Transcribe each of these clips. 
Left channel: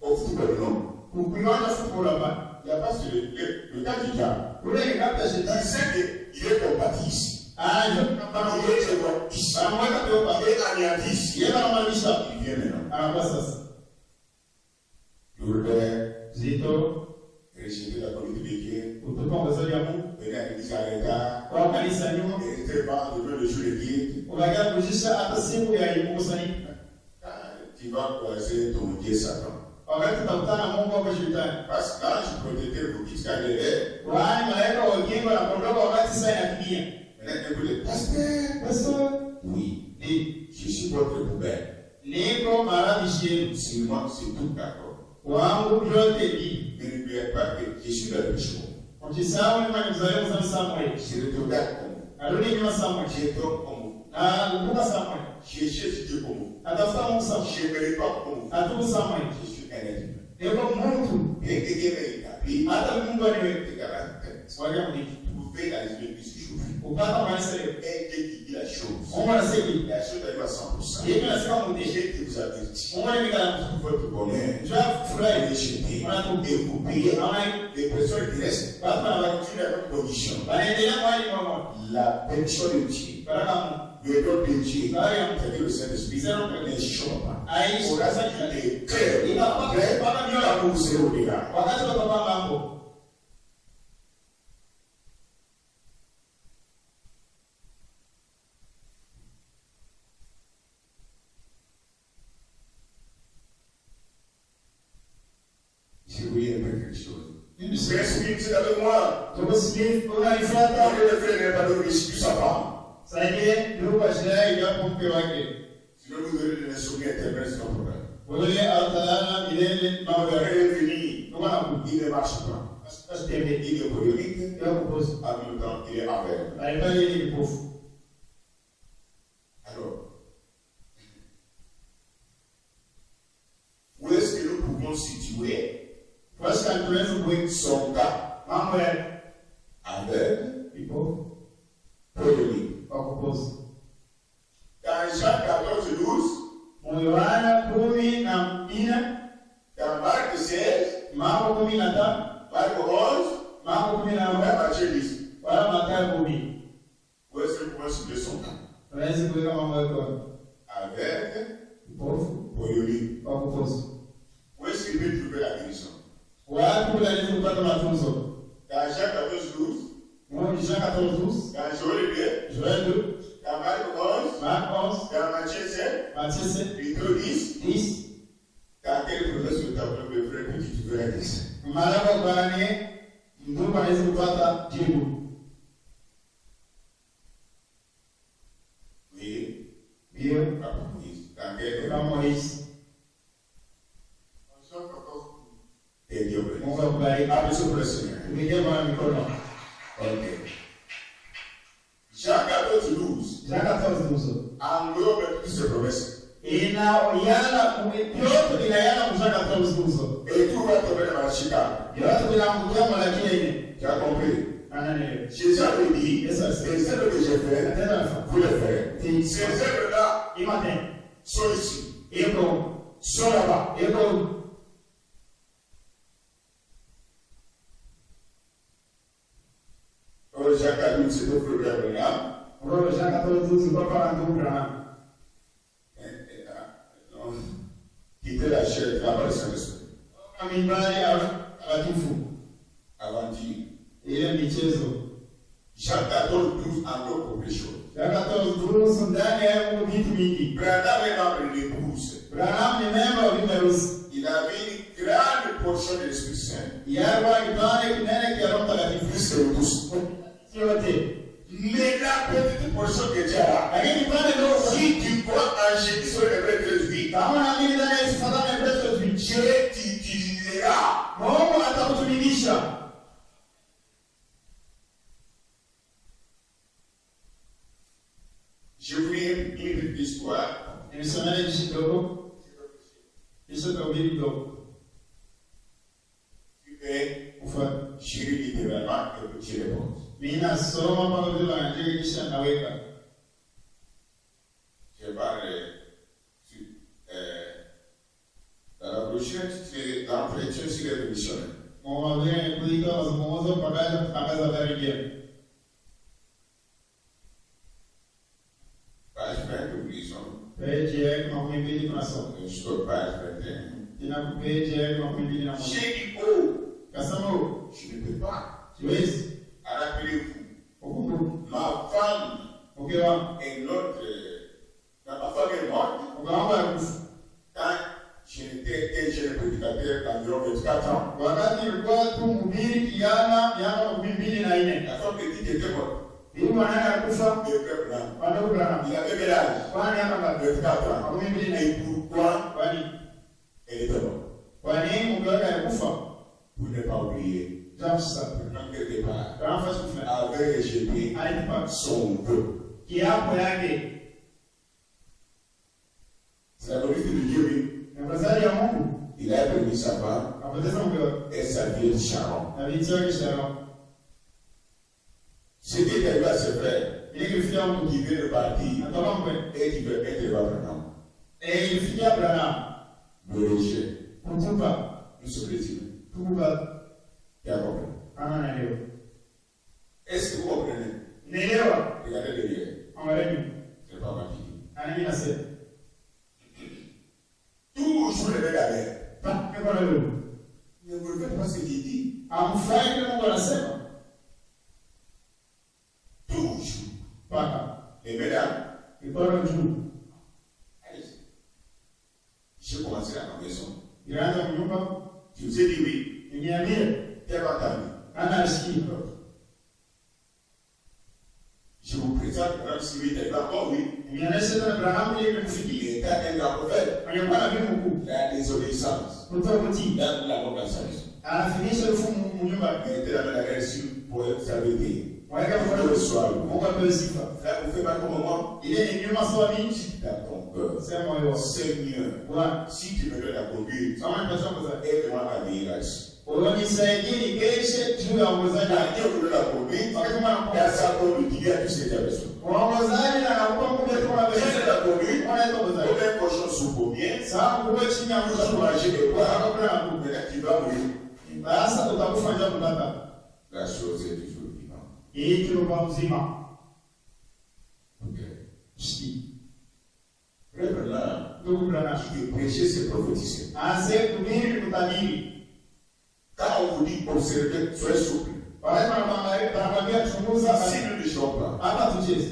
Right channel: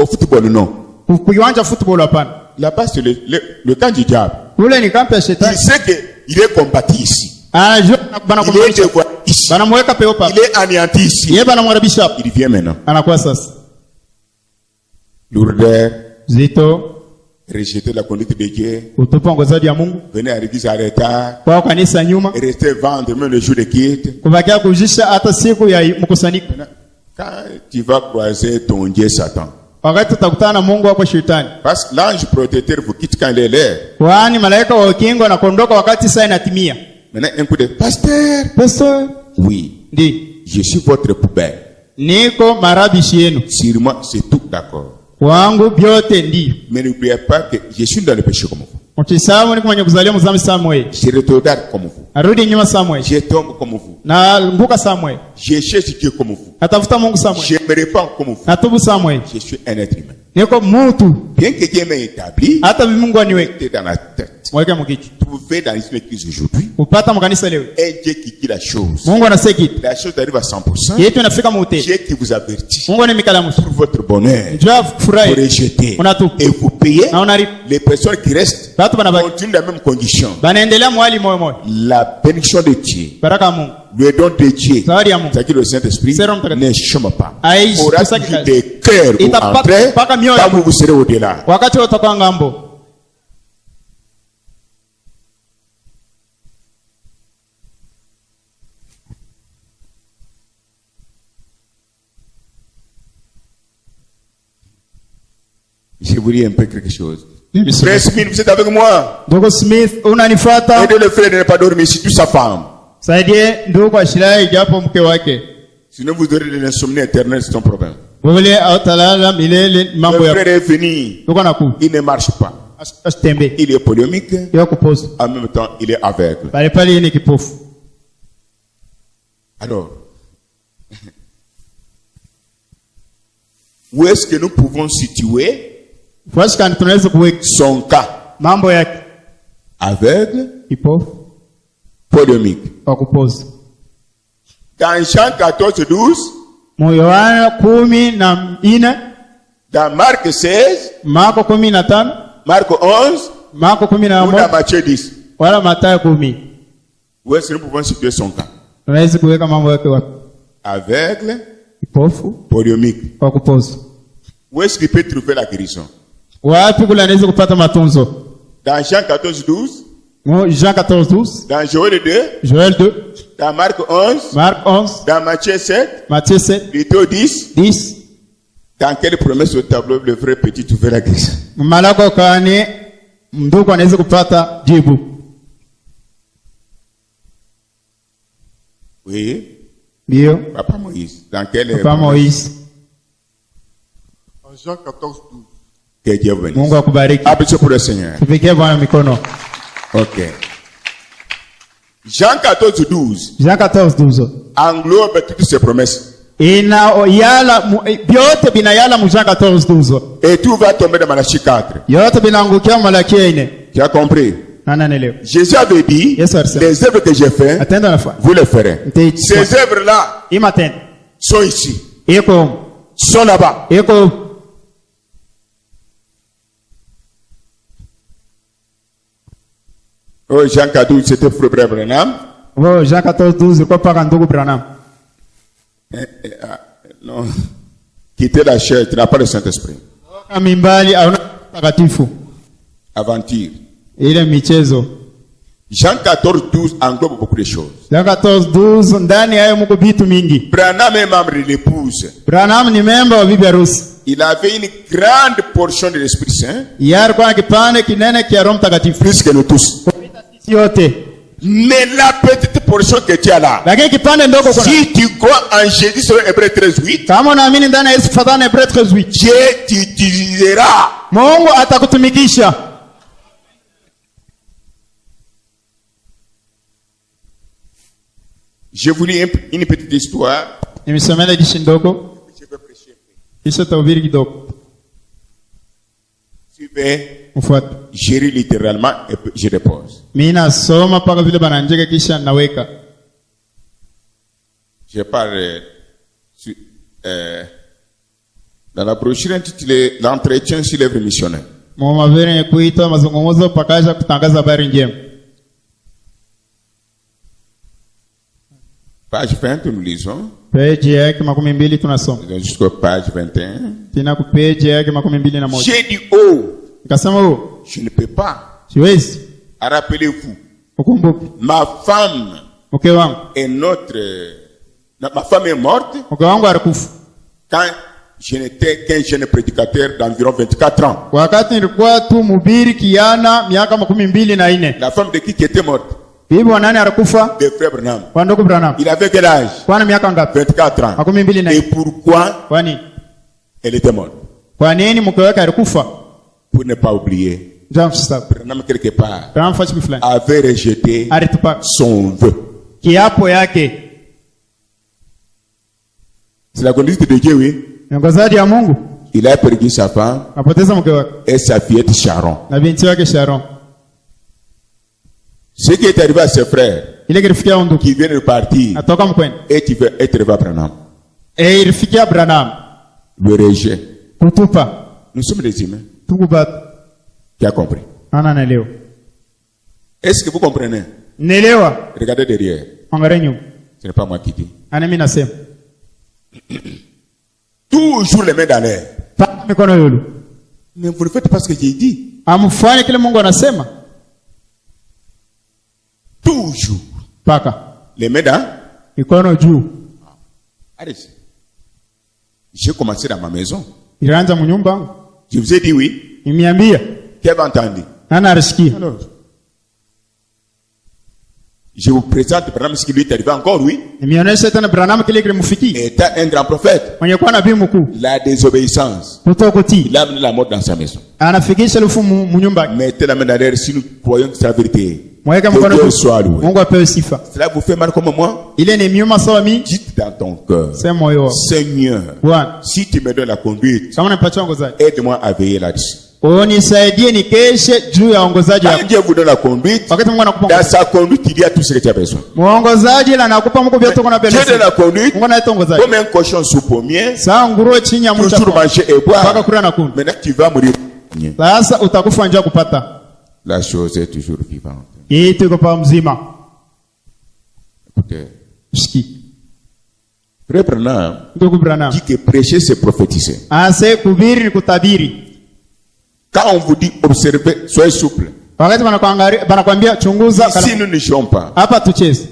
Au football, non. Kuiwanja football hapana. Là-bas, c'est le camp du diable. Ule ni kambi ya shetani. Il sait qu'il est combattu ici. Anajua Il est dévoilé ici. Banamweka peo papa. Il est anéanti ici. Yeye banamwarabisha hapo. Il vient maintenant. Anakuwa sasa. Lourdeur. Zito. Rejeter la conduite de Dieu. Utupa ongozaji ya Mungu. Venez à l'église en retard. Kwa kanisa nyuma. Rester vendre même le jour de quitte. Kubakia kujisha hata siku ya mkusanyiko. Quand tu vas croiser ton Dieu Satan. Wakati utakutana na Mungu wako shetani. Parce que l'ange protecteur vous quitte quand il est l'heure. Kwani malaika wa ukingo anakondoka wakati saa inatimia. Maintenant un coup de pasteur. Pasteur. Oui. Ndi. Je suis votre poubelle. Niko marabishi yenu. Sur moi, c'est tout d'accord. Wangu byote ndio. Mais n'oubliez pas que je suis dans le péché comme vous. Mtisamu ni mwenye kuzalia mzambi Samuel. Je regarde comme vous. Arudi nyuma Samuel. Je tombe comme vous. Na mbuka Samuel. Je cherche Dieu comme vous. Atafuta Mungu Samuel. Je me répands comme vous. Natubu Samuel. Je suis un être humain. Niko mtu. Bien que Dieu m'ait établi, hata Mungu aniweke dans la tête. Mweke mkichwa. Vous faites dans une église aujourd'hui. Upata mkanisa leo. Et Dieu qui dit la chose. Mungu anasema kitu. La chose arrive à 100%. Yetu inafika mwote. Dieu qui vous avertit. Mungu anamikala mtu. Pour votre bonheur. Njoo furahi. Vous rejetez. Unatupa. Et vous payez. Na unari. Les personnes qui restent. Watu banabaki. Continuent dans la même condition. Banaendelea mwali moyo moyo. La bénédiction de Dieu. Baraka Mungu. Le don de Dieu. Zawadi ya Mungu. C'est-à-dire le Saint-Esprit ne chôme pas. Aishi Aura toujours des cœurs où entrer, quand vous serez au-delà. Wakati utakuwa ngambo. Je vous dis un peu quelque chose. Frère Smith, vous êtes avec moi. Dogo Smith, unanifuata? Aidez le frère de ne pas dormir, surtout sa femme. Saidie ndugu ashilai japo mke wake. Sinon vous aurez de l'insomnie éternelle, c'est ton problème. Wewe autalala milele mambo ya. Le frère est venu. Il ne marche pas. Asitembe. Il est polémique. Yoko pose. En même temps, il est aveugle. Pale pale ni kipofu. Alors, où est-ce que nous pouvons situer son cas? Mambo yake. Aveugle. Kipofu. Polémique. Wakupose. Dans Jean 14:12. Yohana 14. Dans Marc 16. Marko 15. Marc 11. Marko 11. Ou dans Matthieu 10. Wala Mathayo 10. Où est-ce que nous pouvons situer son cas? Tunaweza kuweka mambo yake wapi? Aveugle. Kipofu. Polémique. Wakupose. Où est-ce qu'il peut trouver la guérison? Wapi kule anaweza kupata matunzo? Dans Jean 14:12. Jean 14:12. Dans Joël 2. Joël 2. Dans Marc 11. Marc 11. Dans Matthieu 7. Matthieu 7. Luttho 10. 10. Dans quelle promesse au tableau le vrai petit trouver la guérison? Malako kani ndugu anaweza kupata jibu? Oui. Ndio. Papa Moïse. Dans quelle Papa Moïse. En Jean 14:12. Que Dieu vous bénisse. Mungu akubariki. Applaudissez pour le Seigneur. Tupigie Bwana mikono. OK. Jean 14:12. Jean 14:12. Englobe toutes ces promesses. Byote binayala mu Jean 14:12. Et tout va tomber dans Malachie 4. Yote binaangukia Malaki 4. Tu as compris? Jésus avait dit, les œuvres que j'ai faites, vous les ferez. Ces œuvres-là sont ici. Sont là-bas. Oh, Jean 14, c'était pour Frère Branham. Oh, Jean 14:12, quoi par Ndugu Branham? Non. Quitter la chair, tu n'as pas le Saint-Esprit. Aventure. Ile michezo. Jean 14:12 englobe beaucoup de choses. Jean 14:12 ndani hayo mko vitu mingi. Branham est membre de l'épouse. Branham ni member wa bibi harusi. Il avait une grande portion de l'Esprit Saint. Yar kwa kipande kinene kia Roho Mtakatifu. Plus que nous tous. Yote. Mais la petite portion que tu as là. Si tu crois en Jésus sur Hébreux 13:8. Kama unaamini ndani ya Yesu fatana Hébreux 13:8. Dieu t'utilisera. Mungu atakutumikisha. Je vous lis une petite histoire. Nimesomea hadithi ndogo. Je vais prêcher. Kisha tahubiri kidogo. Suivez. Mfuate. Je lis littéralement et je repose. Mimi nasoma paka vile bananjeka kisha naweka. Je parle Dans la brochure intitulée L'entretien sur l'œuvre missionnaire. Mwamavere kuitwa mazungumzo pakaja kutangaza habari njema. Page 20, nous lisons. Page yake 200 tunasoma. Jusqu'au page 21. Tena ku page yake 201. J'ai dit, oh, Nikasema je ne peux pas. Siwezi. Rappelez-vous, Ukumbuke. ma femme Mke wangu. est ma femme est morte. Mke wangu alikufa. Quand je n'étais qu'un jeune prédicateur d'environ 24 ans. Wakati nilikuwa tu mhubiri kiana miaka 24. La femme de qui était morte? Bibi wa nani alikufa? De frère Branham. Kwa ndugu Branham. Il avait quel âge? Kwa miaka ngapi? 24 ans. 24. Et pourquoi Kwani elle était morte? kwa nini mke wake alikufa? Pour ne pas oublier. Branham quelque part avait rejeté son vœu. Kiapo yake. C'est la conduite de Dieu, oui. Ngozadi ya Mungu. Il a perdu sa femme et sa fillette Sharon. Na binti yake Sharon. Ce qui est arrivé à ses frères qui viennent de partir et qui veulent être avec Branham. Le rejet. Nous sommes des humains. Qui a compris? Est-ce que vous comprenez? Regardez derrière. Ce n'est pas moi qui dis. Toujours les mains dans l'air. Mais vous ne faites pas ce que j'ai dit. Toujours. Les mains dans. Allez. J'ai commencé dans ma maison. Je vous ai dit oui. Qui avez entendu? Alors, je vous présente Branham, ce qui lui est arrivé encore, oui. Étant un grand prophète, la désobéissance, il a amené la mort dans sa maison. Mettez la main derrière si nous croyons que c'est la vérité. Que Dieu soit loué. Cela vous fait mal comme moi? Dites dans ton cœur, Seigneur, si tu me donnes la conduite, aide-moi à veiller là-dessus. Unisaidie nikeshe juu ya ongozaji wako. Dieu vous donne la conduite. Dans sa conduite, il y a tout ce que tu as besoin. Muongozaji na nakupa Mungu vyote uko na besoin. Dieu donne la conduite. Mungu anaita ongozaji. Comme un cochon sous pommier. Saa nguruwe chini ya mti. Toujours manger et boire. Paka kula na kunywa. Maintenant tu vas mourir. Sasa utakufa njaa kupata. La chose est toujours vivante. Kitu iko pa mzima. Écoutez. Shiki. Frère Branham. Ndugu Branham. Dit que prêcher c'est prophétiser. Ase kuhubiri ni kutabiri. Quand on vous dit observez, soyez souple. Wakati wanakuambia chunguza. Si nous ne jouons pas. Hapa tucheze.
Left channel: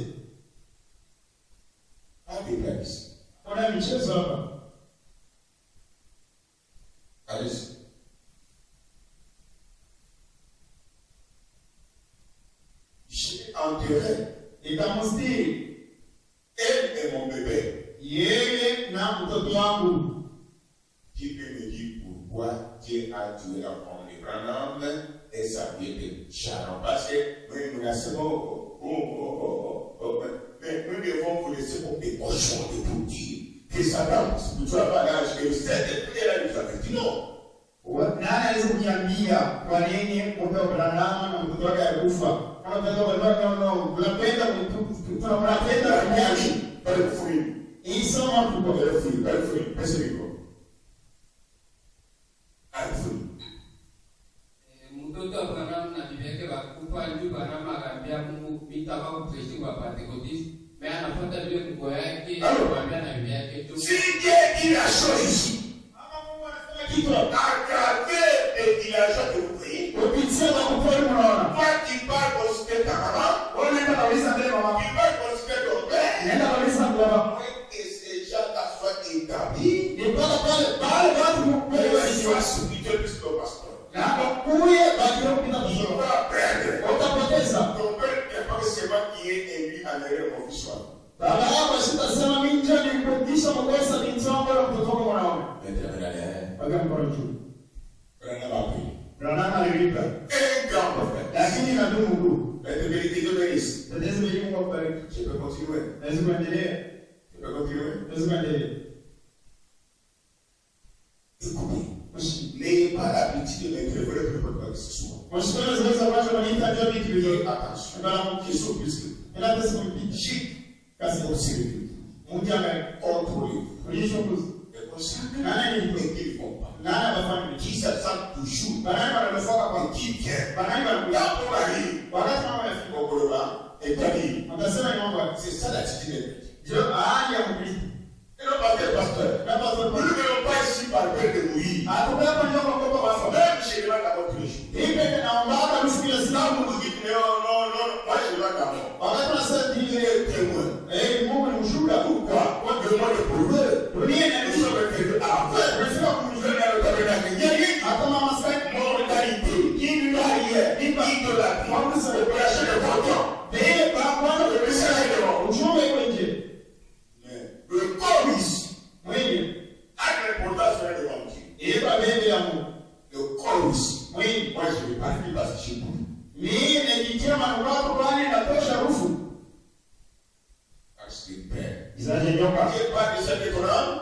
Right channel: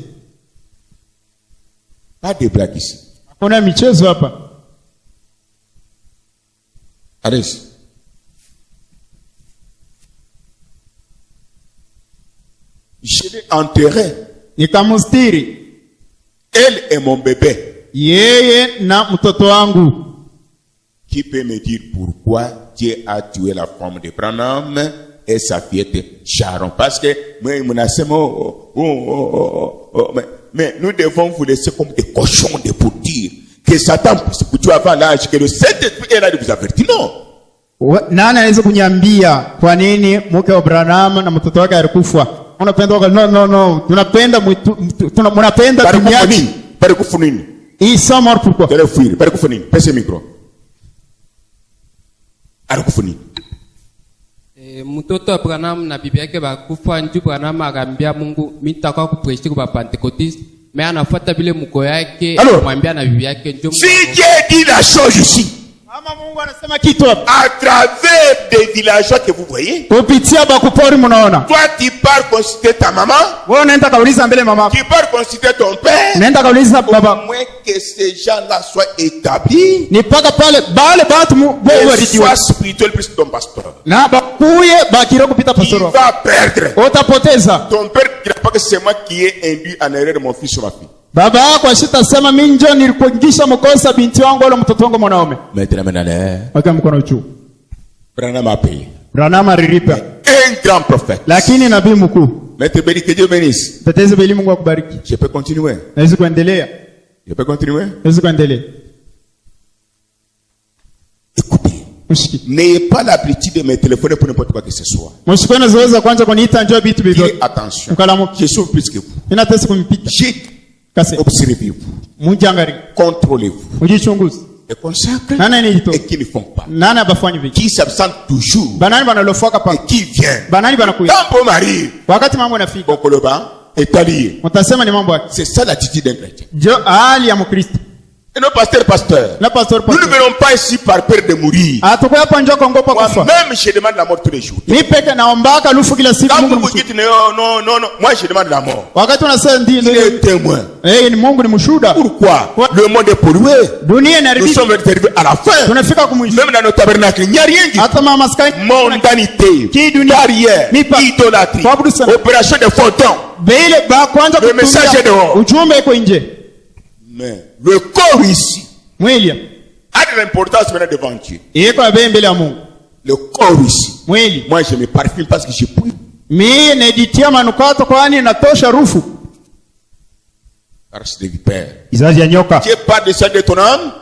Pas de blagues ici. Kuna michezo hapa. Allez. Je l'ai enterré. Nikamustiri. Elle est mon bébé. Yeye na mtoto wangu. Qui peut me dire pourquoi Dieu a tué la femme de Branham et sa fillette Sharon? Parce que mais nous devons vous laisser comme des cochons de pour dire que Satan vous avant l'âge que le Saint-Esprit est là de vous avertir. Non. Nani anaweza kunyambia kwa nini mke wa Branham na mtoto wake alikufa? Unapenda no. Tunapenda dunia. Para kufunini. Ils sont morts pourquoi? De le fuir. Para kufunini. Pese micro. Alikufuni. Mtoto wa Branham na bibi yake bakufa, ndio Branham akambia Mungu mimi nitakuwa kupreach kwa Pentecost, mais anafuata vile mko yake kumwambia na bibi yake ndio. Si Dieu dit la chose ici. Mama Mungu anasema kitu hapa. À travers des villageois que vous voyez. Kupitia bakupori mnaona. Toi tu pars consulter ta maman. Wewe unaenda kauliza mbele mama. Tu pars consulter ton père. Unaenda kauliza baba. Moins que ces gens-là soient établis. Ni paka pale batu wewe sois spirituel plus ton pasteur. Na bakuye bakira kupita pastor. Tu vas perdre. Utapoteza. Ton père ne dira pas que c'est moi qui ai induit en erreur mon fils ou ma fille. Baba yako asitasema mimi ndio nilikuingisha mkosa binti wangu wala mtoto wangu mwanaume. Mettez main dans l'air. Weka mkono juu. Branham a payé. Branham alilipa. Un grand prophète. Lakini nabii mkuu. Mettez béni, que Dieu bénisse. Tetezi beli Mungu akubariki. Je peux continuer. Naweza kuendelea. Je peux continuer. Naweza kuendelea. Écoutez. N'ayez pas l'habitude de me téléphoner pour n'importe quoi que ce soit. Mshikana zoeza kwanza kuniita njoo vitu bibio. Attention. Je suis plus que vous. Inataka kumpita. Observez-vous. Mujangari. Contrôlez-vous. Mujichunguze. et consacrent et qui ne font pas. Qui s'absentent toujours et qui viennent. Quand on m'arrive, c'est ça l'attitude d'un chrétien. Et non, pasteur. Nous ne venons pas ici par peur de mourir. Moi-même, je demande la mort tous les jours. Quand vous dites non, moi je demande la mort. Il est témoin. Pourquoi? Le monde est pollué. Nous sommes arrivés à la fin. Même dans nos tabernacles, il n'y a rien dit. Mondanité, barrière, idolâtrie, opération de photons. Le message est dehors. Mais le corps ici a de l'importance maintenant devant Dieu. Le corps ici. Moi je me parfume parce que je prie. Parce que Père. Dieu parle de ça de ton âme.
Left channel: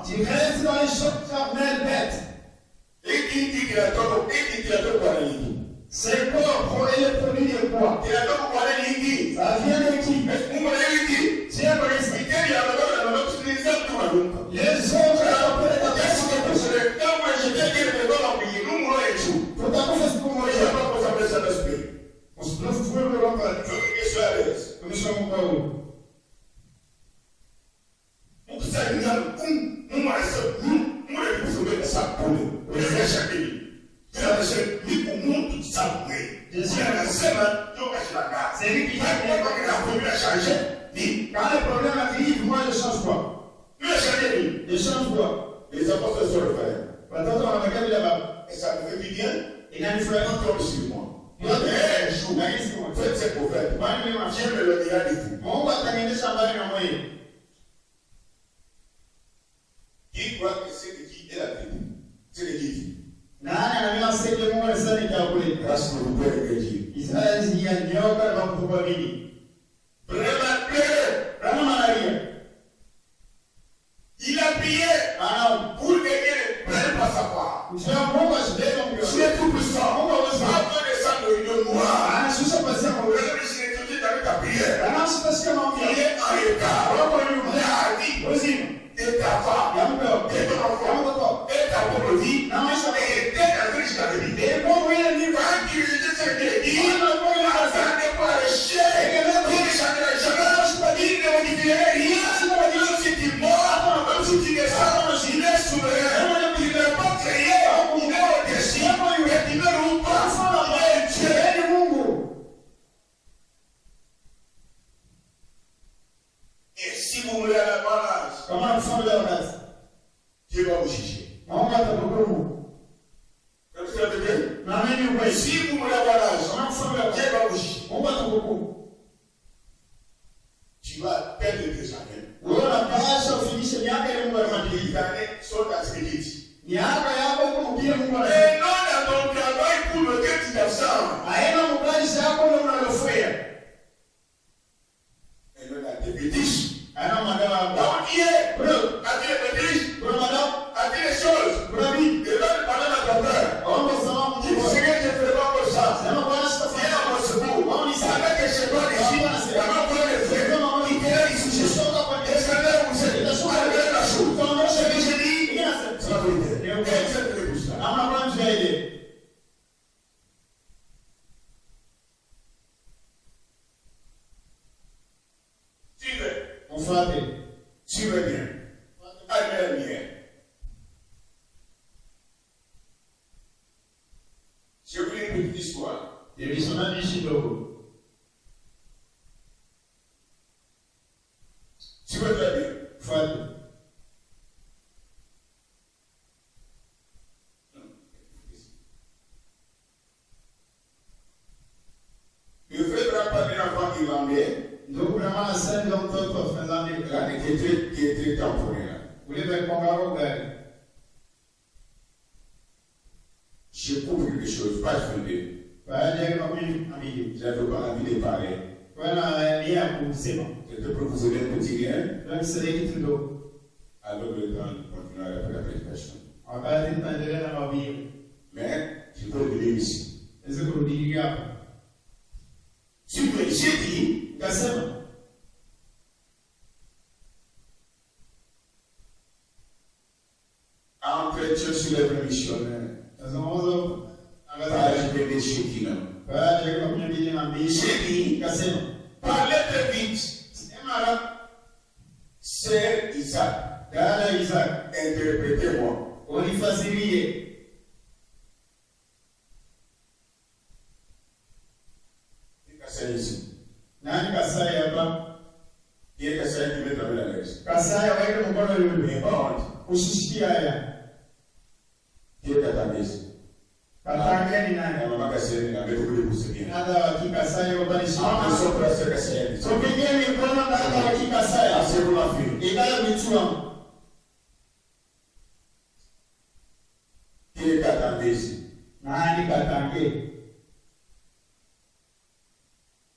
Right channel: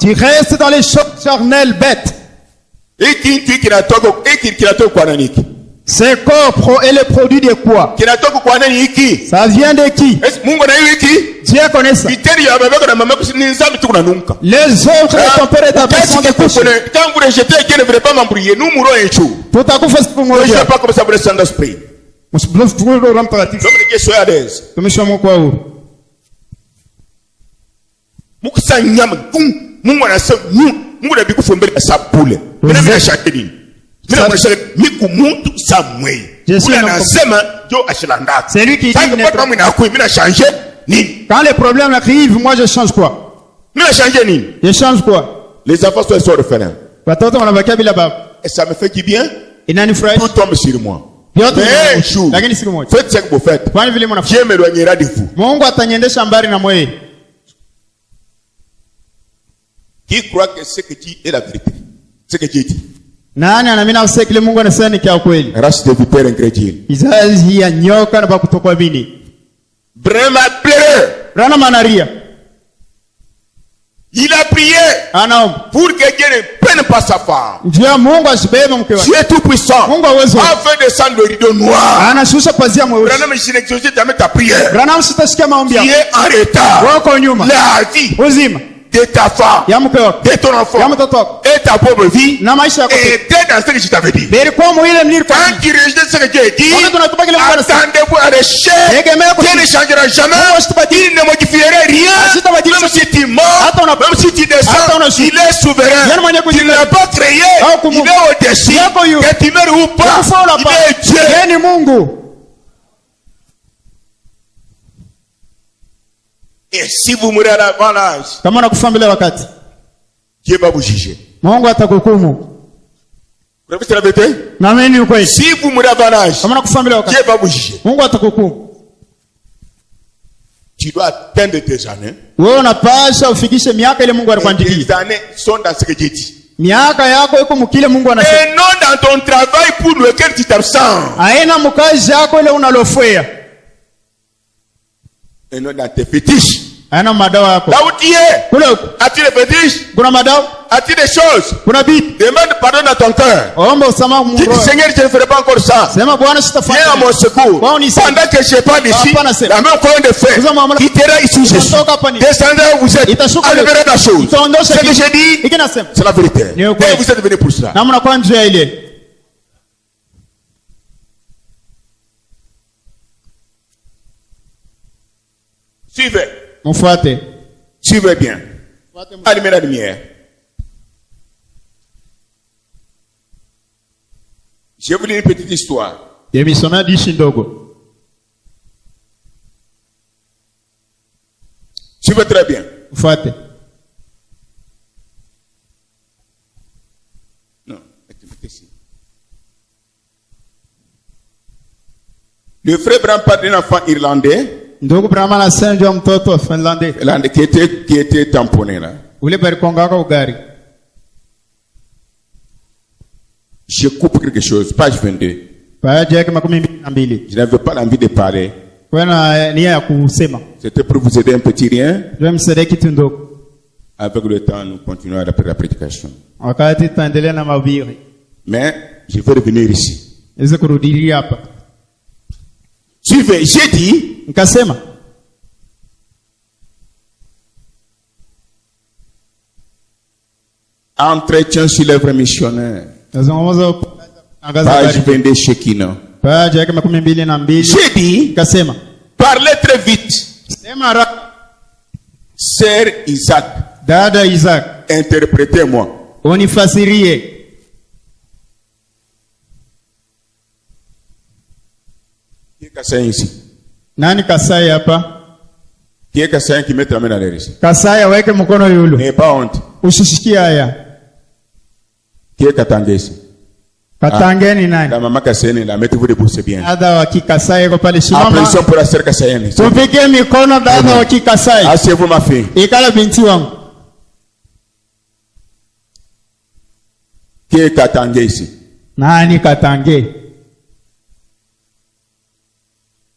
Tu restes dans les choses charnelles bêtes. Ce corps est le produit de quoi? Ça vient de qui? Dieu connaît ça. Les œuvres de ton père établissent des péchés. Quand vous rejetez Dieu ne voudrait pas m'embrouiller, nous mourrons un jour. Je ne sais pas comment ça vous laisse dans l'esprit. Dieu soit à l'aise. C'est lui qui dit quand les problèmes arrivent, moi je change quoi? Je change quoi? Les enfants sont orphelins. Et ça me fait du bien. Tout tombe sur moi. Mais un jour, faites ce que vous faites. Dieu m'éloignera de vous. Qui croit que ce que tu dis est la vérité? Ce que Dieu dit. Race de vipères incrédules. Branham a pleuré. Il a prié pour que Dieu ne prenne pas sa part. Dieu est tout puissant. Afin de descendre le rideau noir. Branham, je n'exauce jamais ta prière. Tu es en retard. La vie de ta femme, de ton enfant, et ta pauvre vie, et t'es dans ce que je t'avais dit. Quand tu rejettes ce que Dieu dit, attendez-vous à l'échec. Dieu ne changera jamais. Il ne modifierait rien. Même si tu mords, même si tu descends, il est souverain. Il ne l'a pas créé. Il est au-dessus. Que tu meurs ou pas, il est Dieu. Et si vous mourrez avant l'âge, Dieu va vous juger. Vous avez la vérité? Si vous mourrez avant l'âge, Dieu va vous juger. Tu dois atteindre tes années. Les années sont dans ce que Dieu dit. Et non dans ton travail pour lequel tu t'absentes. Et non dans tes fétiches. Là où tu es, as-tu des fétiches? As-tu des choses? Demande pardon à ton cœur. Dis Seigneur, je ne ferai pas encore ça. Viens à mon secours. Pendant que je ne suis pas ici, la même fois de fait, quittera ici où je suis. Descendez où vous êtes. Enlèverez la chose. Ce que j'ai dit, c'est la vérité. Et vous êtes venus pour cela. Suivez. Suivez bien. Allumez la lumière. Je vais vous dire une petite histoire. Suivez très bien. Non, le frère Branham parle d'un enfant irlandais. Qui était tamponné là. Je coupe quelque chose, page 22. Je n'avais pas envie de parler. C'était pour vous aider un petit rien. Avec le temps, nous continuons après la prédication. Mais je vais revenir ici. Suivez, j'ai dit, Entretien sur l'œuvre missionnaire. Page 22 Shekina. J'ai dit, parlez très vite. Sœur Isaac. Dada Isaac. Interprétez-moi. Unifasirie. Qui est Kassaï ici? Nani Kassaï hapa? Qui est Kassaï qui met la main dans les risques? Kassaï weke mkono yulu. N'ayez pas honte. Usishikie haya. Qui est Katangé ici? Katangé ni nani? La maman Kassaï, la mettez-vous debout, c'est bien. Dada wa Kikasai ko pale shimama. Applaudissons pour la sœur Kassaï. Tupige mikono dada wa Kikasai. Asseyez-vous ma fille. Ikala binti wangu. Qui est Katangé ici? Nani Katangé?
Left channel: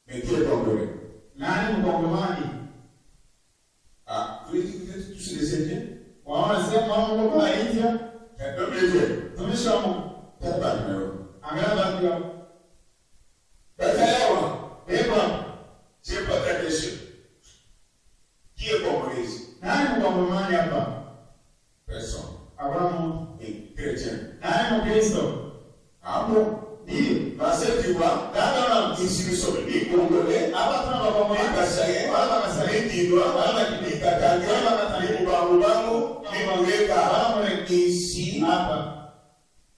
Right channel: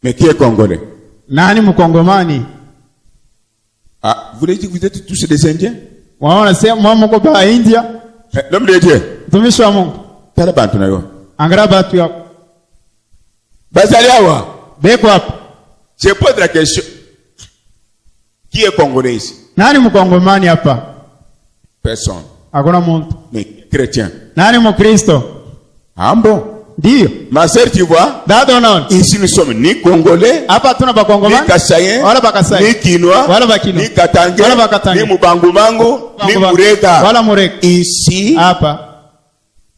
Mais qui est Congolais? Nani mkongomani? Ah, vous voulez dire que vous êtes tous des Indiens? Waona sema mama ko ba India. L'homme de Dieu. Tumishi wa Mungu. Tala bantu nayo. Angara batu yako. Bazali awa. Beko hapo. Je pose la question. Qui est Congolais ici? Nani mkongomani hapa? Personne. Hakuna mtu. Mais chrétien. Nani mkristo? Ah bon? Ndio. Ma sœur, tu vois? Dada unaona? Ici nous sommes ni Congolais, hapa tuna bakongomani, ni Kassaïen, wala bakasai, ni Kinois, wala bakino, ni Katangé, wala bakatange, ni Mubangumango, ni Murega. Wala Murega. Ici, hapa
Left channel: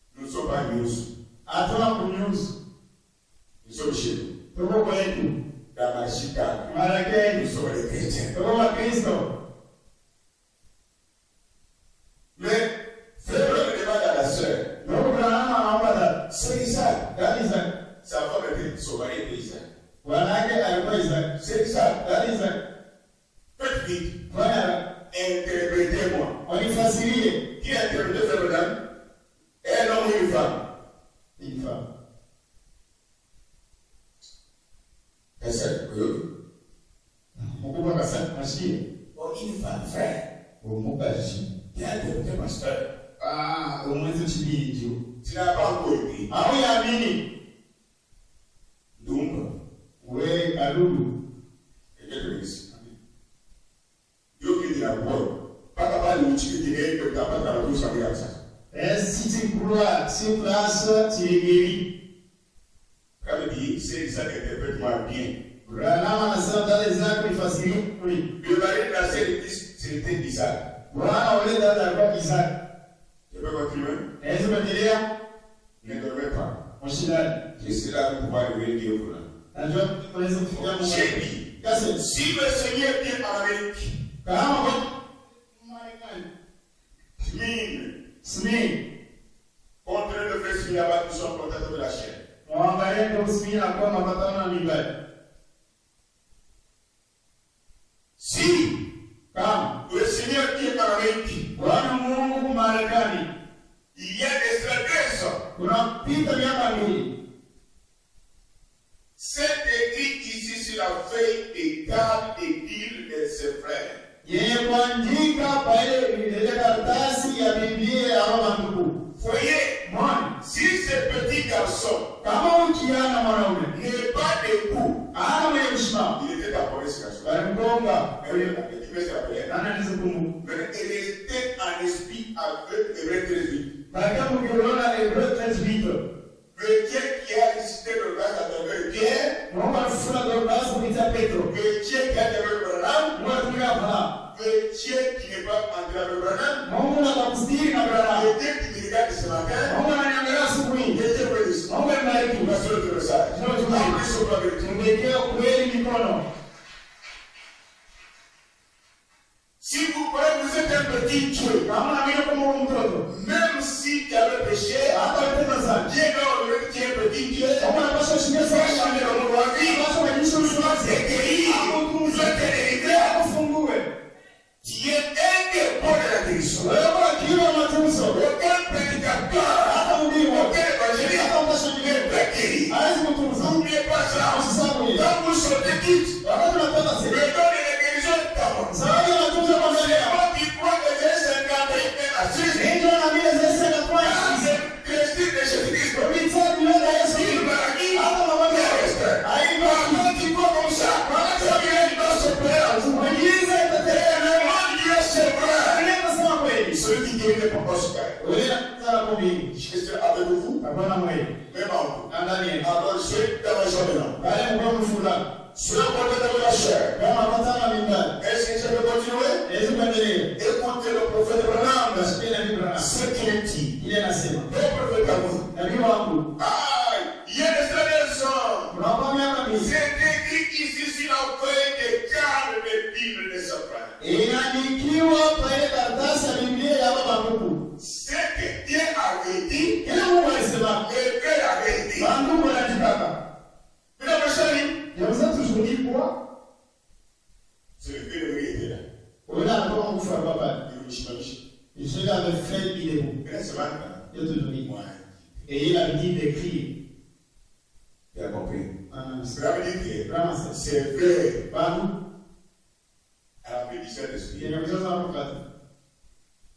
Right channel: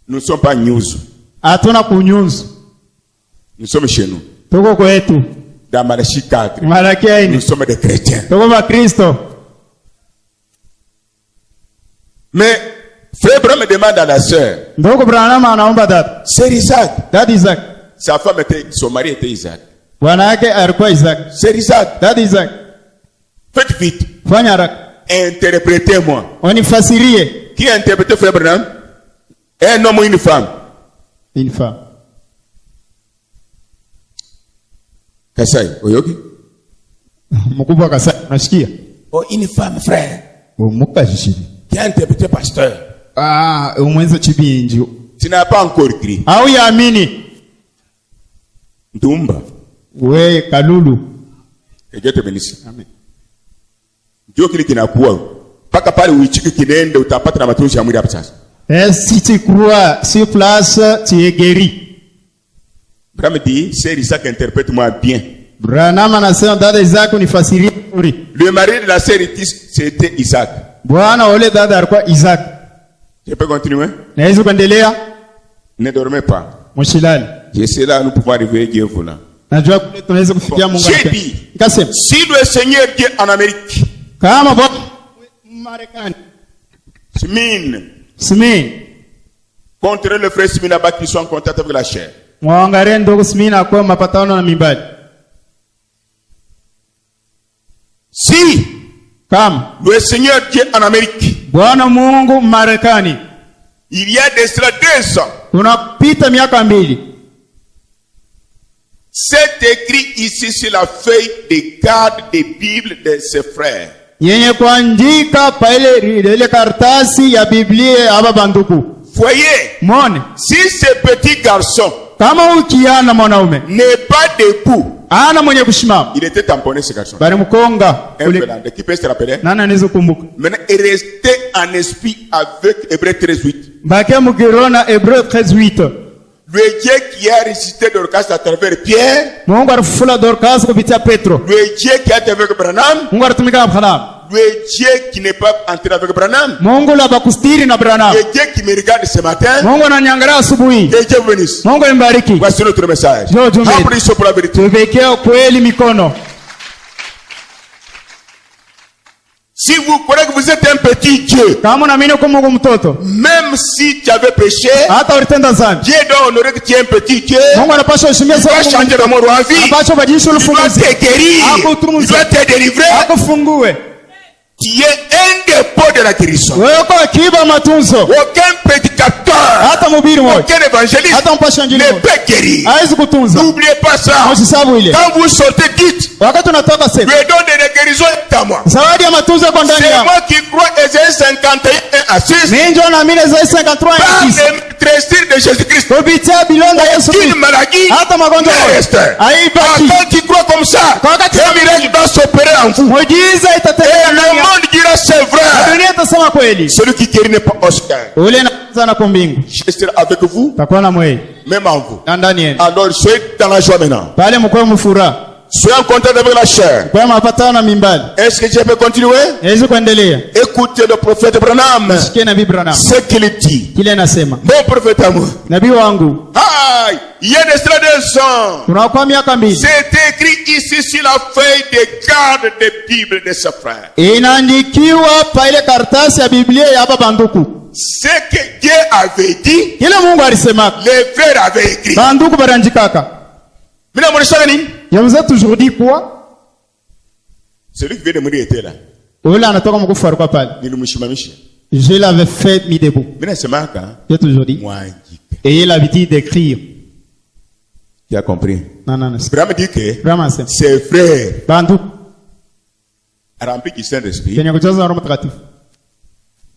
nous ne sommes pas news. Hatuna kunyuzu. Nous sommes chez nous. Tuko kwetu. Dans Malachie 4. Nous sommes des chrétiens. Tuko ba Kristo. Mais frère Branham demande à la sœur. Ndoko Branham anaomba dada. C'est Isaac. Dada Isaac. Sa femme était, son mari était Isaac. Bwana yake alikuwa Isaac. C'est Isaac. Dada Isaac. Faites vite. Fanya haraka. Interprétez-moi. Unifasirie. Qui a interprété frère Branham? Un homme ou une femme? Une femme. Kasai, oyoki? Mkubwa Kasai, unasikia? Oh, une femme, frère. Muka jishiri. Qui a interprété pasteur? Ah, umwenza chibinjo. Tu n'as pas encore écrit. Au yaamini. Ntumba. We Kalulu. Que Dieu te bénisse. Amen. Ndio kile kinakuwa. Paka pale uichiki kinende utapata na matumishi ya mwili hapa sasa. Si tu crois sur place, tu es guéri. Branham dit, c'est Isaac, interprète-moi bien. Branham anasema dada Isaac unifasirie vizuri. Le mari de la sœur c'était Isaac. Bwana ole dada alikuwa Isaac. Je peux continuer? Naweza kuendelea? Ne dormez pas. Mshilali. Je sais là nous pouvons arriver Dieu volant. Najua kule tunaweza kufikia Mungu. J'ai dit, Kasema, si le Seigneur qui est en Amérique, kama Bwana Marekani, Simin, contre le frère Simin là-bas qui sont en contact avec la chair. Mwangalie ndugu Simin kwa mapatano na mimbali. Si kama le Seigneur qui est en Amérique, Bwana Mungu Marekani, il y a de cela 2 ans, tunapita miaka 2. c'est écrit ici sur la feuille de garde des Bibles de ses frères. Yenye kuandika pa ile karatasi ya Biblia aba banduku. Voyez, Mone, si ce petit garçon kama ukiana mwanaume n'est pas debout, ana mwenye kushimama, il était tamponné ce garçon. bali mkonga ule de qui peut se rappeler? Nana anaweza kumbuka. Maintenant, il restait en esprit avec Hébreux 13:8. Bakia mukirona Hébreux 13:8. Le Dieu qui a ressuscité Dorcas à travers Pierre, Mungu alifufula Dorcas kupitia Petro. le Dieu qui a été avec Branham, Mungu alitumika na Branham. le Dieu qui n'est pas entré avec Branham, Mungu la bakustiri na Branham. le Dieu qui me regarde ce matin, Mungu ananiangalia asubuhi. que Dieu vous bénisse. Mungu nimbariki. Voici notre message. Applaudissons pour la vérité. Tuwekea kweli mikono. Si vous croyez que vous êtes un petit Dieu, Kama unaamini kwa Mungu mtoto, même si tu avais péché, hata ulitenda dhambi, Dieu doit honorer que tu es un petit Dieu. Mungu anapaswa kuheshimia Il doit changer d'amour en vie. Anapaswa kubadilisha Il doit ufunguzi. te guérir. Il doit te délivrer. Akufungue. Tu es un dépôt de la guérison. Wewe kwa akiba matunzo. Aucun prédicateur, Hata mhubiri mmoja, aucun évangéliste hata mpasha injili ne mmoja peut guérir. hawezi kutunza. N'oubliez pas ça. Usisabu ile. Quand vous sortez, dites, Wakati unatoka le sema, don de la guérison est à moi. zawadi ya matunzo kwa ndani C'est yako. moi qui crois Ésaïe 51 à 6. Minjo na mine za 53 Par à 6. les trésors de Jésus-Christ. Kupitia bilonda Yesu Aucune Kristo. maladie Hata magonjwa ne reste. haibaki. Quand tu crois comme ça, Wakati- un miracle va s'opérer en vous. Muujiza Et itatendeka le ndani yako. monde dira c'est vrai. Dunia itasema kweli. Celui qui guérit n'est pas Oscar. Ule na na kwa mbingu. Je serai avec vous, Takuwa na mweli. même en vous. Na ndani yenu. Alors soyez dans la joie maintenant. Pale mko mfuraha. Soyez content avec la chair. Kwa mapatano na mimbali. Est-ce que je peux continuer? Hawezi kuendelea. Écoutez le prophète Branham. Sikia nabii Branham. Ce qu'il dit. Kile anasema. Mon prophète à moi. Nabii wangu. Aïe, il y a des 2 ans. Tunakuwa miaka mbili. C'est écrit ici sur la feuille de garde des Bibles de ses frères. Inaandikiwa pa ile karatasi ya Biblia ya baba banduku. Ce que Dieu avait dit, Kile Mungu alisema. les frères avaient écrit. Banduku baranjikaka. Mina mwanishaka nini? Je vous ai toujours dit quoi? Celui qui vient de mourir était là. Ule anatoka mkufu alikuwa pale. Nilimshimamisha. Je l'avais fait mis debout. Mina semaka. J'ai toujours dit. Mwanjipe. Et il a l'habitude d'écrire. Tu as compris? Non, non, non. Abraham dit que Vraiment c'est. ses frères Banduku. remplis du Saint-Esprit. Kwenye kujaza na Roho Mtakatifu.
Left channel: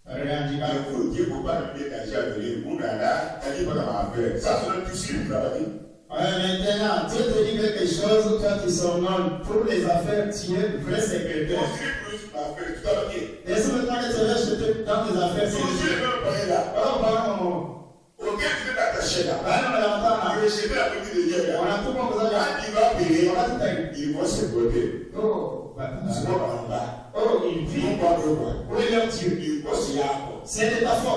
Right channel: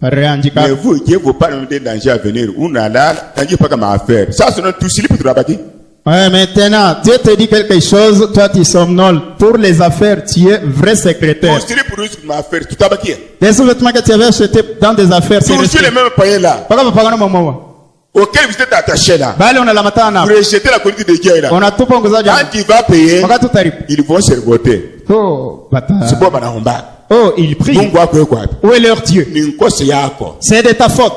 Baranjikaka. Mais vous, Dieu vous parle de danger à venir. On a là, danger pas comme affaire. Ça, c'est notre tout slip de la bâtie. Ouais, maintenant, Dieu te dit quelque chose, toi tu somnoles. Pour les affaires, tu es vrai secrétaire. Tout slip pour nous, c'est ma affaire. Tout à bâtir. Les sous-vêtements que tu avais achetés dans des affaires, c'est Toujours les mêmes païens là, Paka papagano mamawa. auxquels vous êtes attachés là. Bale unalamatana. Vous rejetez la politique de Dieu là. Unatupa nguzaji. Quand tu vas payer, Wakati utaripu. ils vont se revolter. Oh, bata. C'est pas Banahomba. Oh, il prie. Mungu wako quoi? Où est leur Dieu? Ni nkose yako. C'est de ta faute.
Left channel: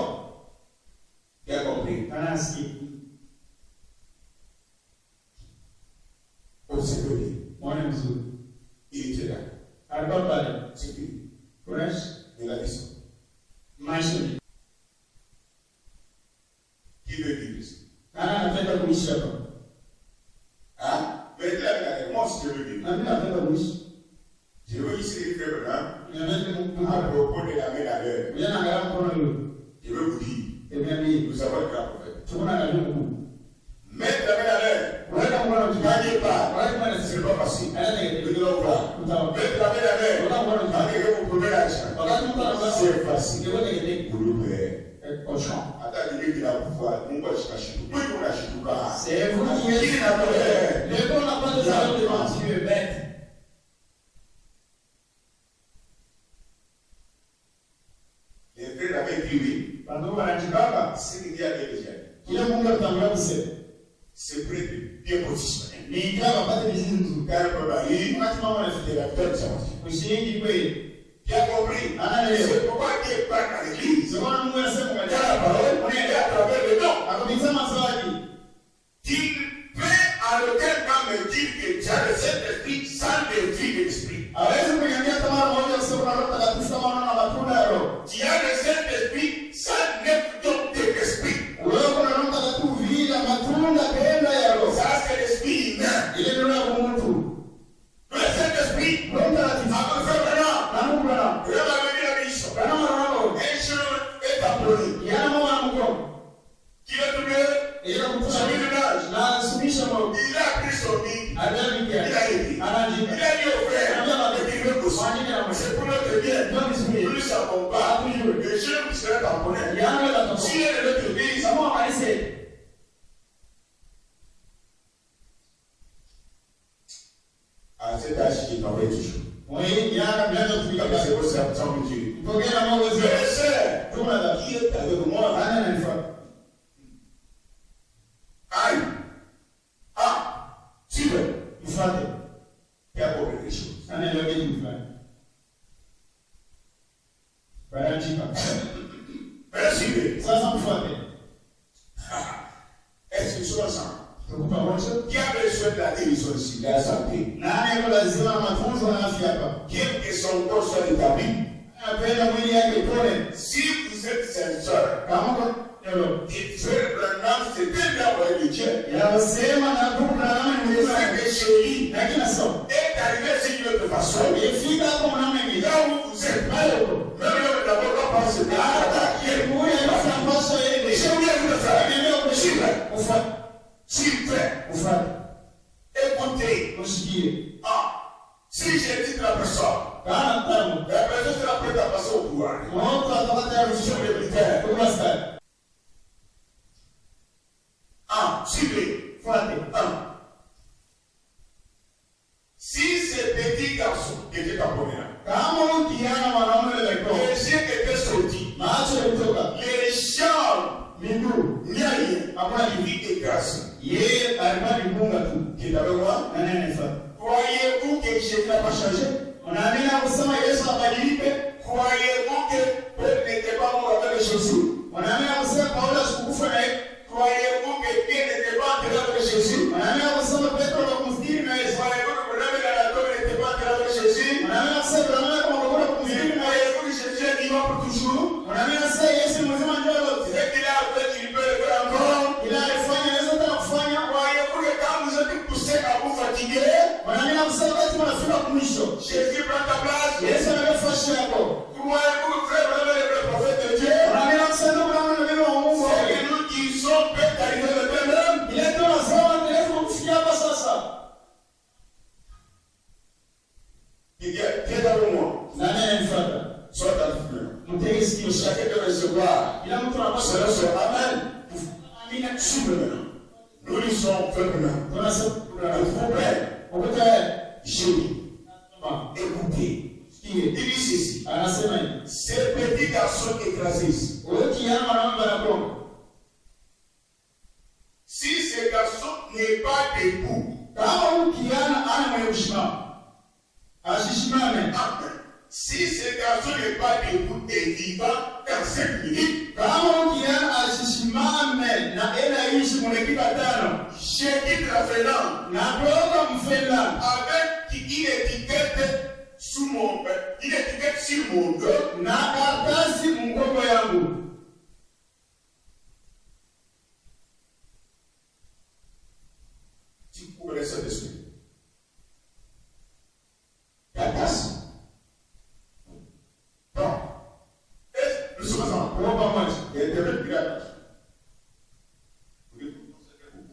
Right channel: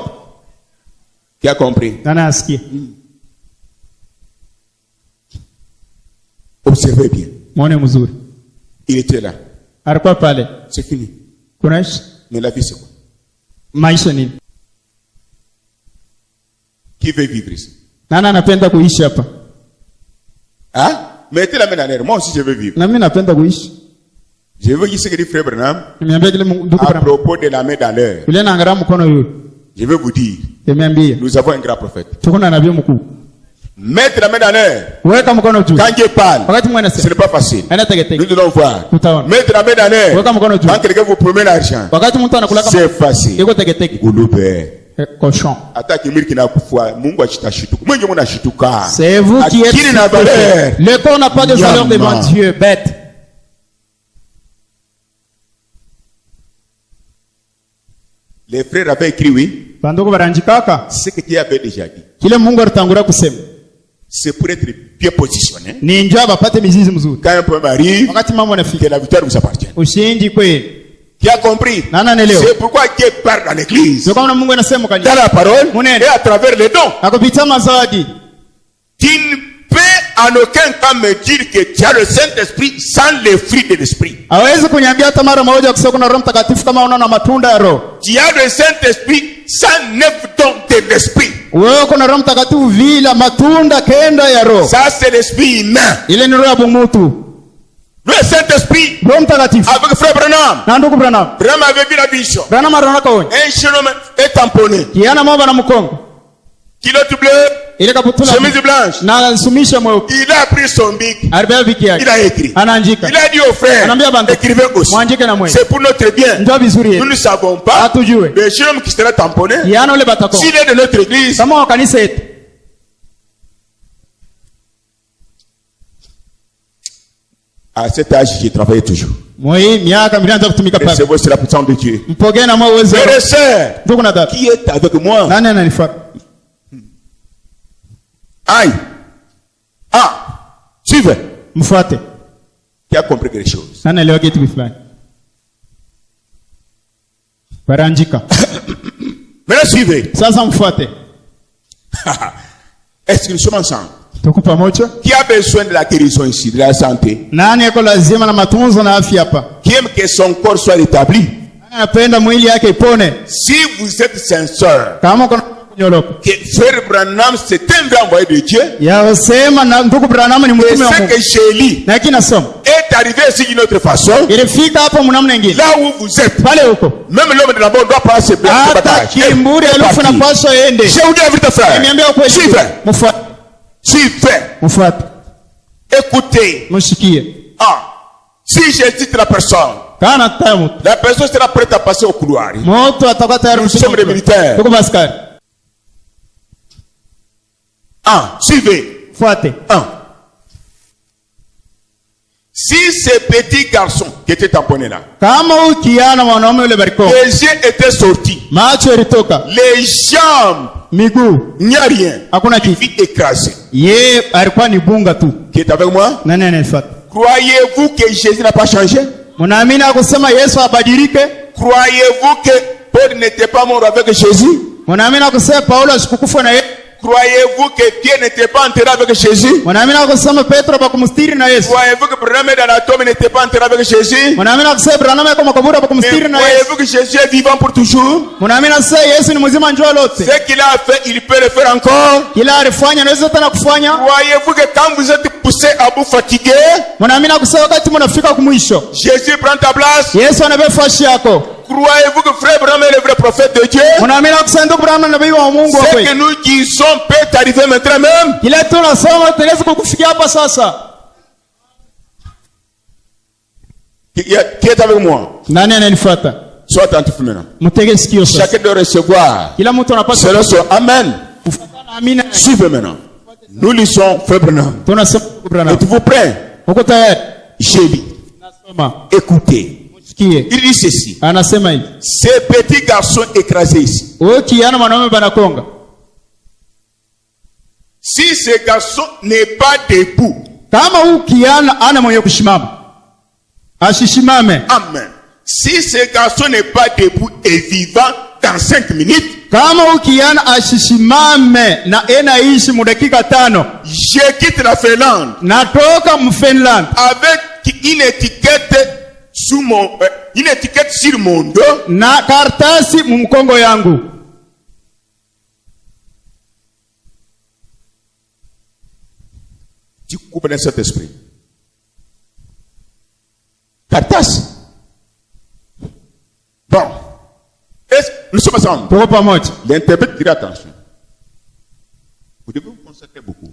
Qui a compris? Nana asikia. Observez bien. Mwone mzuri. Il était là. Alikuwa pale. C'est fini. Kunaishi? Mais la vie c'est quoi? Maisha nini? Qui veut vivre ici? Nana anapenda kuishi hapa? Hein? Mettez la main en l'air. Moi aussi je veux vivre. Na mimi napenda kuishi. Je veux dire ce que dit frère Branham Nimeambia kile ndugu à Branham. propos de la main dans l'air. Yule anaangalia mkono yule. Je veux vous dire, Nimeambia. nous avons un grand prophète. Tuko na nabii mkuu. Mettre la main dans l'air. Weka mkono juu. Quand Dieu parle, Wakati mwana ce sema. n'est pas facile. Ana tegete. Nous devons voir. Tutaona. Mettre la main dans l'air. Weka mkono juu. Quand quelqu'un vous promet l'argent, Wakati mtu anakula kama c'est facile. iko tegete. Gulube. Cochon. Hata kimwili kinakufua, Mungu ashitashituka. Mwenye mnashituka. C'est vous qui êtes. Akili na valeur. Le corps n'a pas de valeur devant Dieu, bête. Les frères avaient écrit oui. Banduku baranjikaka. Ce que Dieu avait déjà dit. Kile Mungu alitangulia kusema. C'est pour être bien positionné. Ni njoo bapate mizizi mzuri. Quand un problème arrive, Wakati mambo que yanafika. la victoire vous appartient. Ushindi kweli. Qui a compris? Nana anaelewa. C'est pourquoi Dieu parle dans l'église. Sio kama Mungu anasema Dans kanisa. la parole Munene. et à travers les dons. Akupitia mazawadi. Tu ne peux en aucun cas me dire que tu as le Saint-Esprit sans les fruits de l'Esprit. Hawezi kuniambia hata mara moja kusema kuna Roho Mtakatifu kama unaona matunda ya Roho. Tu as le Saint-Esprit sans 9 dons de l'Esprit. Wewe kuna Roho Mtakatifu vila matunda kenda ya Roho. Ça c'est l'esprit humain. Ile ni roho ya mutu. Le Saint-Esprit Roho Mtakatifu. avec frère Branham. Na ndugu Branham. Branham avait vu la vision. Branham anaona kaoni. Un jeune homme est tamponné. Kiana mamba na mkongo. Culotte bleue, Ile kaputula. chemise blanche. Na sumisha mweupe. Il a pris son bic. Arbea biki yake. Il a écrit. Anaandika. Il a dit aux frères, Anaambia bantu. écrivez aussi. Mwandike na mwe. C'est pour notre bien. Ndio vizuri Nous yetu. ne savons pas. Hatujue. Le jeune homme qui sera tamponné, Kiana ule batako. s'il est de notre église, Kama wa kanisa yetu. à cet âge, j'ai travaillé toujours. Moi miaka milianza kutumika pale. Recevez c'est la puissance de Dieu. Mpokee na mwa uwezo. Frères et sœurs, Ndugu na dada. qui est avec moi? Nani ananifuata? Aïe. Ah, suivez. Mfuate. Qui a compris quelque chose? Nani leo kitu fulani? Baranjika. Maintenant, suivez. Sasa mfuate. Est-ce que nous sommes ensemble? Tuko pamoja? Qui a besoin de la guérison ici, de la santé? Nani yako lazima na matunzo na afya hapa? Qui aime que son corps soit rétabli? Nani anapenda mwili yake ipone? Si vous êtes sincère, Kama kuna kunyoloka. que frère Branham, c'est un grand envoyé de Dieu. Ya sema na ndugu Branham ni Et mtume wa ce Mungu. que Shélie Na kinasoma. est arrivé ici d'une autre façon, Ilifika hapo mnamna nyingine. là où vous êtes, Pale huko. même l'homme de la mort doit passer ce Hata bataille. kimburi alifu na pasho ende. Je vous dis la vérité, frère. Niambia ukweli. Suivez. Mfuate. Suivez. Mfuate. Écoutez. Mshikie. Ah. Si je dis la personne, la personne sera prête à passer au couloir. Nous sommes des militaires. Suivez. 1. Si ces petits garçons qui étaient tamponnés là, les yeux étaient sortis, les jambes, il n'y a rien, il vit écrasé. Qui est avec moi? Croyez-vous que Jésus n'a pas changé? Croyez-vous que Paul n'était pas mort avec Jésus? Croyez-vous que Pierre n'était pas enterré avec Jésus? Croyez-vous que Branham dans la tombe n'était pas enterré avec Jésus? Croyez-vous que Jésus est vivant pour toujours? Ce qu'il a fait, il peut le faire encore. Croyez-vous que quand vous êtes poussé à bout fatigué, Jésus prend ta place? Croyez-vous que frère Branham est le vrai prophète de Dieu? Ce que nous disons peut arriver maintenant même. Qui est avec moi? Sois attentif maintenant. Chacun doit recevoir selon son amen. Suivez maintenant. Nous lisons frère Branham. Êtes-vous prêts? J'ai dit, écoutez. Il dit ceci. Ces petits garçons écrasés ici. Si ce garçon n'est pas debout, amen. Si ce garçon n'est pas debout et vivant dans 5 minutes, je quitte la Finlande avec une étiquette sur mon dos na kartasi mumkongo yangu. Tu comprends cet esprit? Kartasi. Bon. Est-ce que nous sommes ensemble? L'interprète dira attention. Vous devez vous concentrer beaucoup.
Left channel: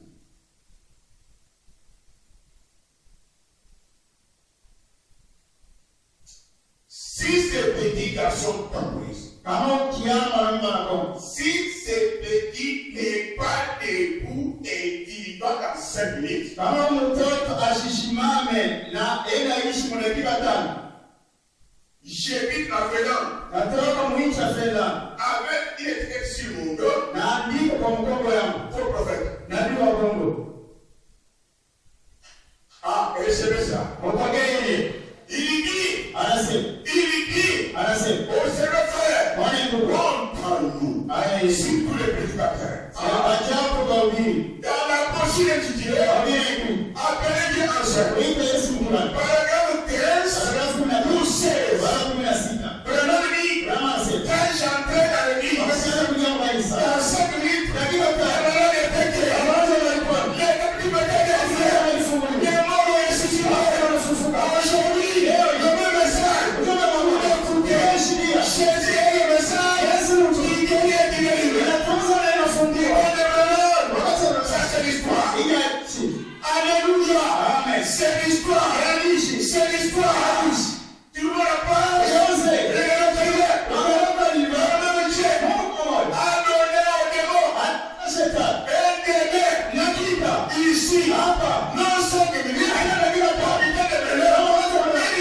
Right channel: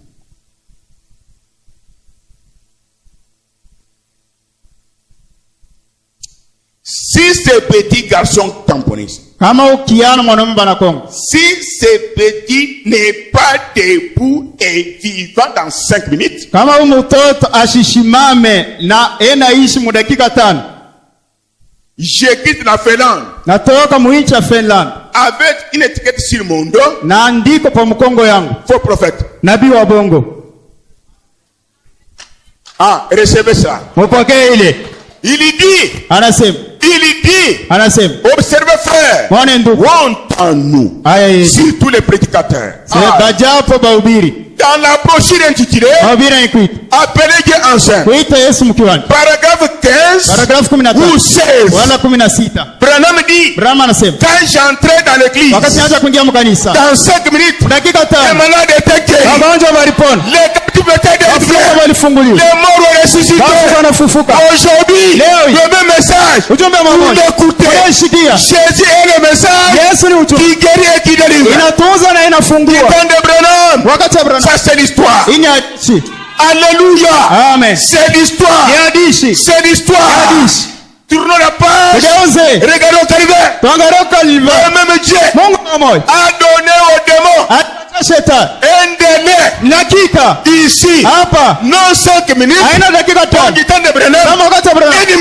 Si ces petits garçons tamponnisent, si ces petits n'est pas debout et vivant dans 5 minutes, je quitte la Finlande avec une étiquette sur mon dos, faux prophète. Recevez ça. Il dit, observez frère, honte en nous, sur tous les prédicateurs. Dans la brochure intitulée, appelez Dieu enceinte, paragraphe 15 ou 16, Branham dit, quand j'entrais dans l'église, dans 5 minutes, les malades étaient guéris, les captifs étaient délivrés, les morts ont ressuscité. Aujourd'hui, le même message, vous l'écoutez. Jésus est le message qui guérit et qui délivre. Ça c'est l'histoire. Alléluia. Amen. C'est l'histoire. C'est l'histoire. Tournons la page. Regardons Calvaire. Le même Dieu a donné aux démons un délai ici, non 5 minutes, du temps de Branham, 1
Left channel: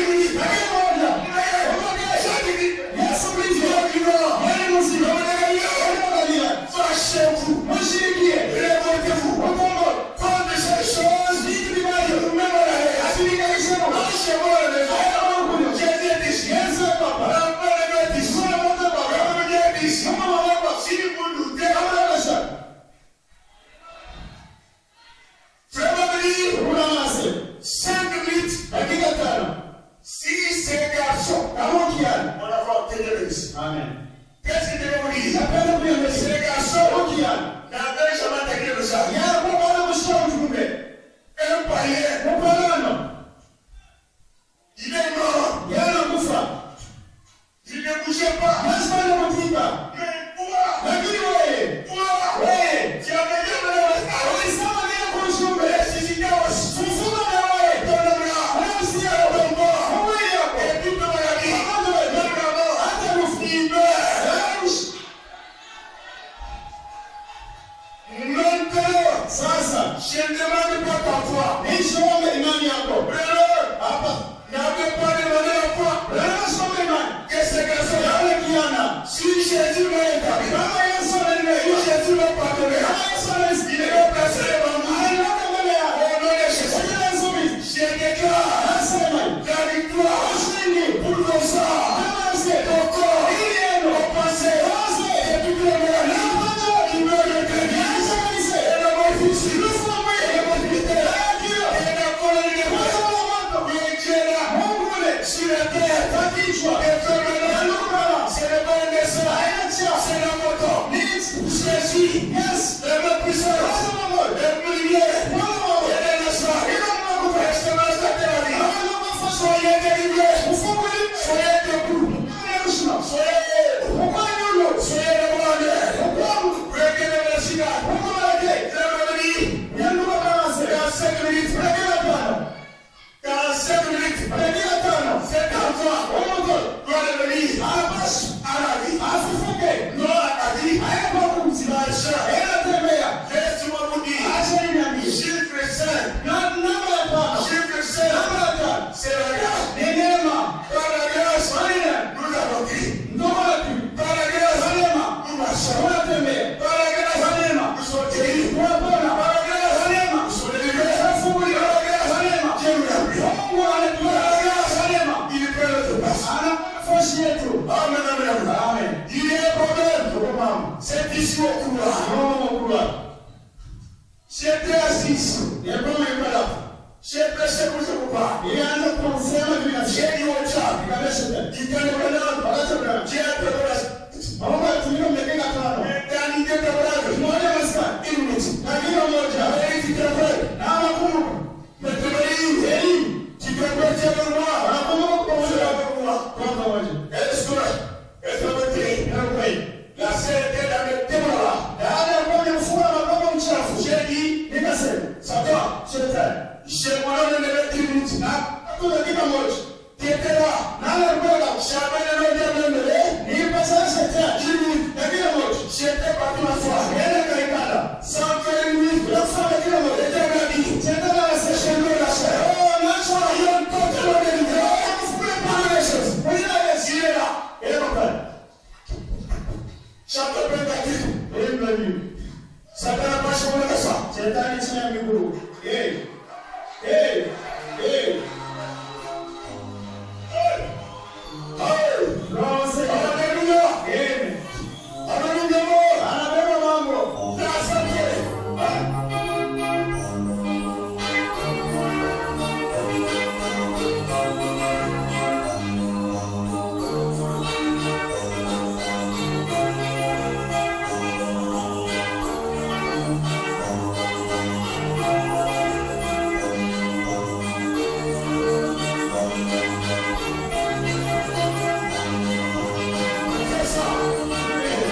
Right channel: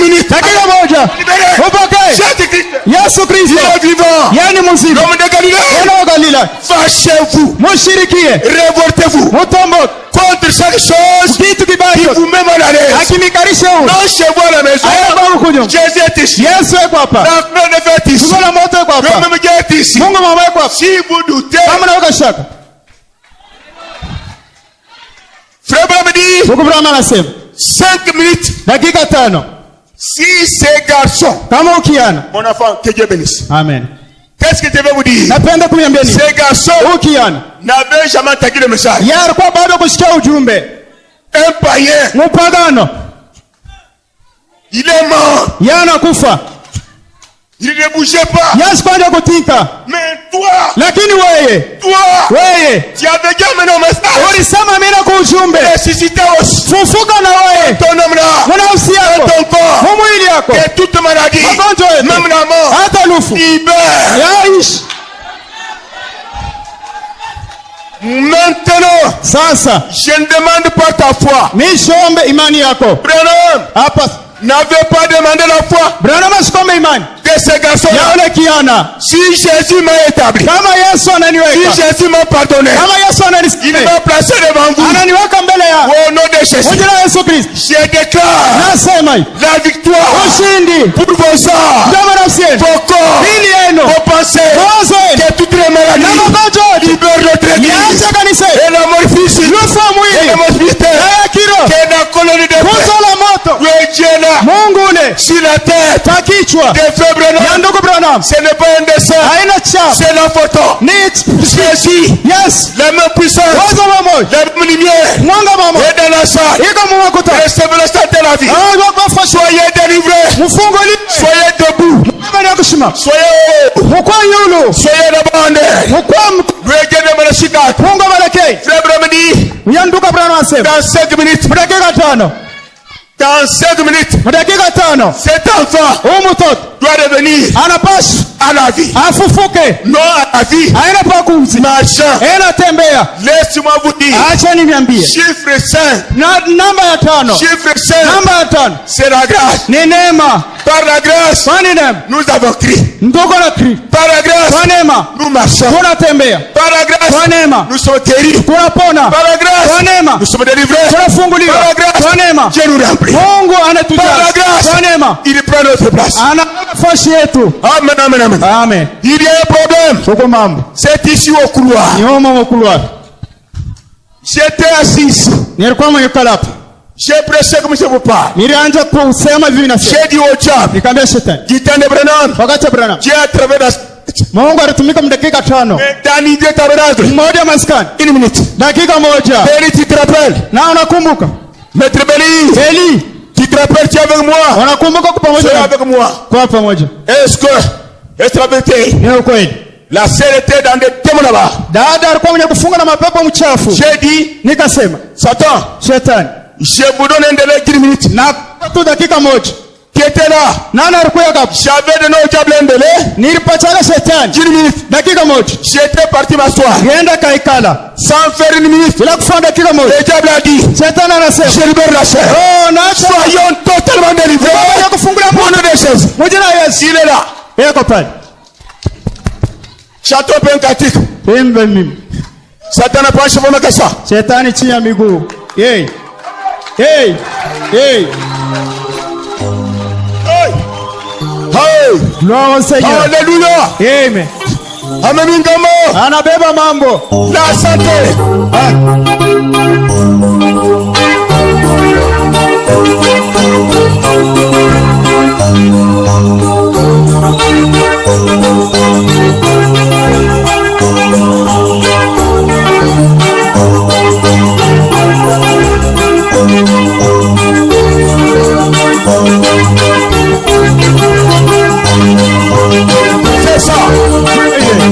minute. Jésus-Christ, il est vivant. L'homme de Galilée, fâchez-vous, révoltez-vous contre chaque chose qui vous met mal à l'aise. Non chez vous à la maison, Jésus est ici. La fleur est ici. Le même Dieu est ici. Si vous doutez, frère Branham dit 5 minutes. Si ces garçons, mon enfant, que Dieu bénisse. Amen. Qu'est-ce que je vais vous dire? Ces garçons n'avaient jamais entendu le message. Un païen, il est mort. Il ne bougeait pas. Mais toi, Lakini wewe tu avais dit amené au message. Ulisema mimi na ujumbe. Ressuscité aussi. Fufuka na wewe. Ton homme là. Nafsi yako. Ton corps. Mwili yako. Et toute maladie. Magonjwa yote. Même la mort. Hata lufu. Libère. Yaishi. Maintenant, sasa je ne demande pas ta foi. Nishombe imani yako. Branham, hapa n'avait pas demandé la foi. Branham asikombe imani de ce garçon. Ya ule kiana. Si Jésus m'a établi. Kama Yesu ananiweka. Si Jésus m'a pardonné. Kama Yesu ananisikia. Il m'a placé devant vous. Ananiweka mbele yako. Au nom de Jésus. Kwa jina la Yesu Kristo. Je déclare. Nasema la victoire. Ushindi. Pour vos âmes. Ndama nafsi yenu. Vos corps. Mili yenu. Vos pensées. Mawazo yenu. Que toutes les maladies. Na magonjwa yote. Libère notre église. Niache kanisa. Et la mort physique. Lufa mwili. Et la mort spirituelle. Na kiro. Que la colonie de feu. Kuzo la moto. Dieu là. Mungu ule. Sur la tête. Kwa kichwa. De feu Branham. Ya ndugu Branham. Ce n'est pas un dessin. Haina cha. C'est la photo. Ni Jésus. Yes. La même puissance. Wazo mama. La lumière. Mwanga mama. Et dans la salle. Iko mwakuta. Restez dans la salle de la vie. Soyez délivrés. Mufungo li. Soyez debout. Soyez mukwa yulu. Soyez abandonnés. Mukwa Regardez mon chicat. Mungu baleke. Frère Bramani. Yanduka Branham asema. Dans 5 minutes. Dakika 5. Dans 5 minutes. Dakika 5. Cet enfant mtoto doit revenir anapaswa à la vie. Afufuke. Non à la vie. Haina pa kumzi. Marchant. Tembea. Laissez-moi vous dire. Acha niambie. Chiffre 5. Namba ya 5. Chiffre 5. Namba ya 5. C'est la grâce. Ni neema. Par la grâce. Kwa neema. Nous avons crié. Ndoko na kri. Par la grâce. Kwa neema. Nous marchons. Tunatembea. Par la grâce. Kwa neema. Nous sommes guéris. Tunapona. Par la grâce. Kwa neema. Nous sommes délivrés. Tunafunguliwa. Par la grâce. Kwa neema. Dieu nous remplit. Mungu anatujaza. Par la grâce. Kwa neema. Il prend notre place. Ana nafasi yetu. Amen, amen, amen. Amen. Il y a un problème. Uko mambo. C'est ici au couloir. Nyoma mu couloir. J'étais assis. Nilikuwa mwenye kalapu. J'ai prêché comme je vous parle. Nilianza kusema hivi na J'ai dit au diable. Nikamwambia shetani. Jitane Branham. Wakati Branham. Dieu a travaillé dans Mungu alitumika dakika 5. dans l'idée tabernacle. Mmoja maskani. 1 minute. Dakika moja. Béli, tu te rappelles? Na unakumbuka? Maître Béli. Eli. Tu te rappelles, tu es avec moi? Unakumbuka kwa pamoja? Tu es avec moi. Kwa pamoja. Est-ce la vérité? Ni ukweli. La sœur était dans des témoins là-bas. Dada alikuwa mwenye kufunga na mapepo mchafu. J'ai dit, nikasema, Satan, shetani, je vous donne un délai 10 minutes. Na tu dakika moja. Qui était là? Nani alikuwa hapo? J'avais donné au diable un délai. Nilipatana shetani 10 minutes. Dakika moja. J'étais parti m'asseoir. Yenda kaikala. Sans faire 1 minute. Bila kufanya dakika moja. Le diable a dit, Shetani anasema, je libère la chair. Oh, naacha. Soyons totalement délivrés. Kufungula Pour nous des choses. Moja na Yesu. Il est là. Yako pale. Château penkatique. Pembe mimi. Satan a pas cheveux que ça. Shetani chini ya miguu. Hey. Hey. Hey. Hey. Hey. Gloire au Seigneur. Alléluia. Amen. Amen. Anabeba mambo. La santé.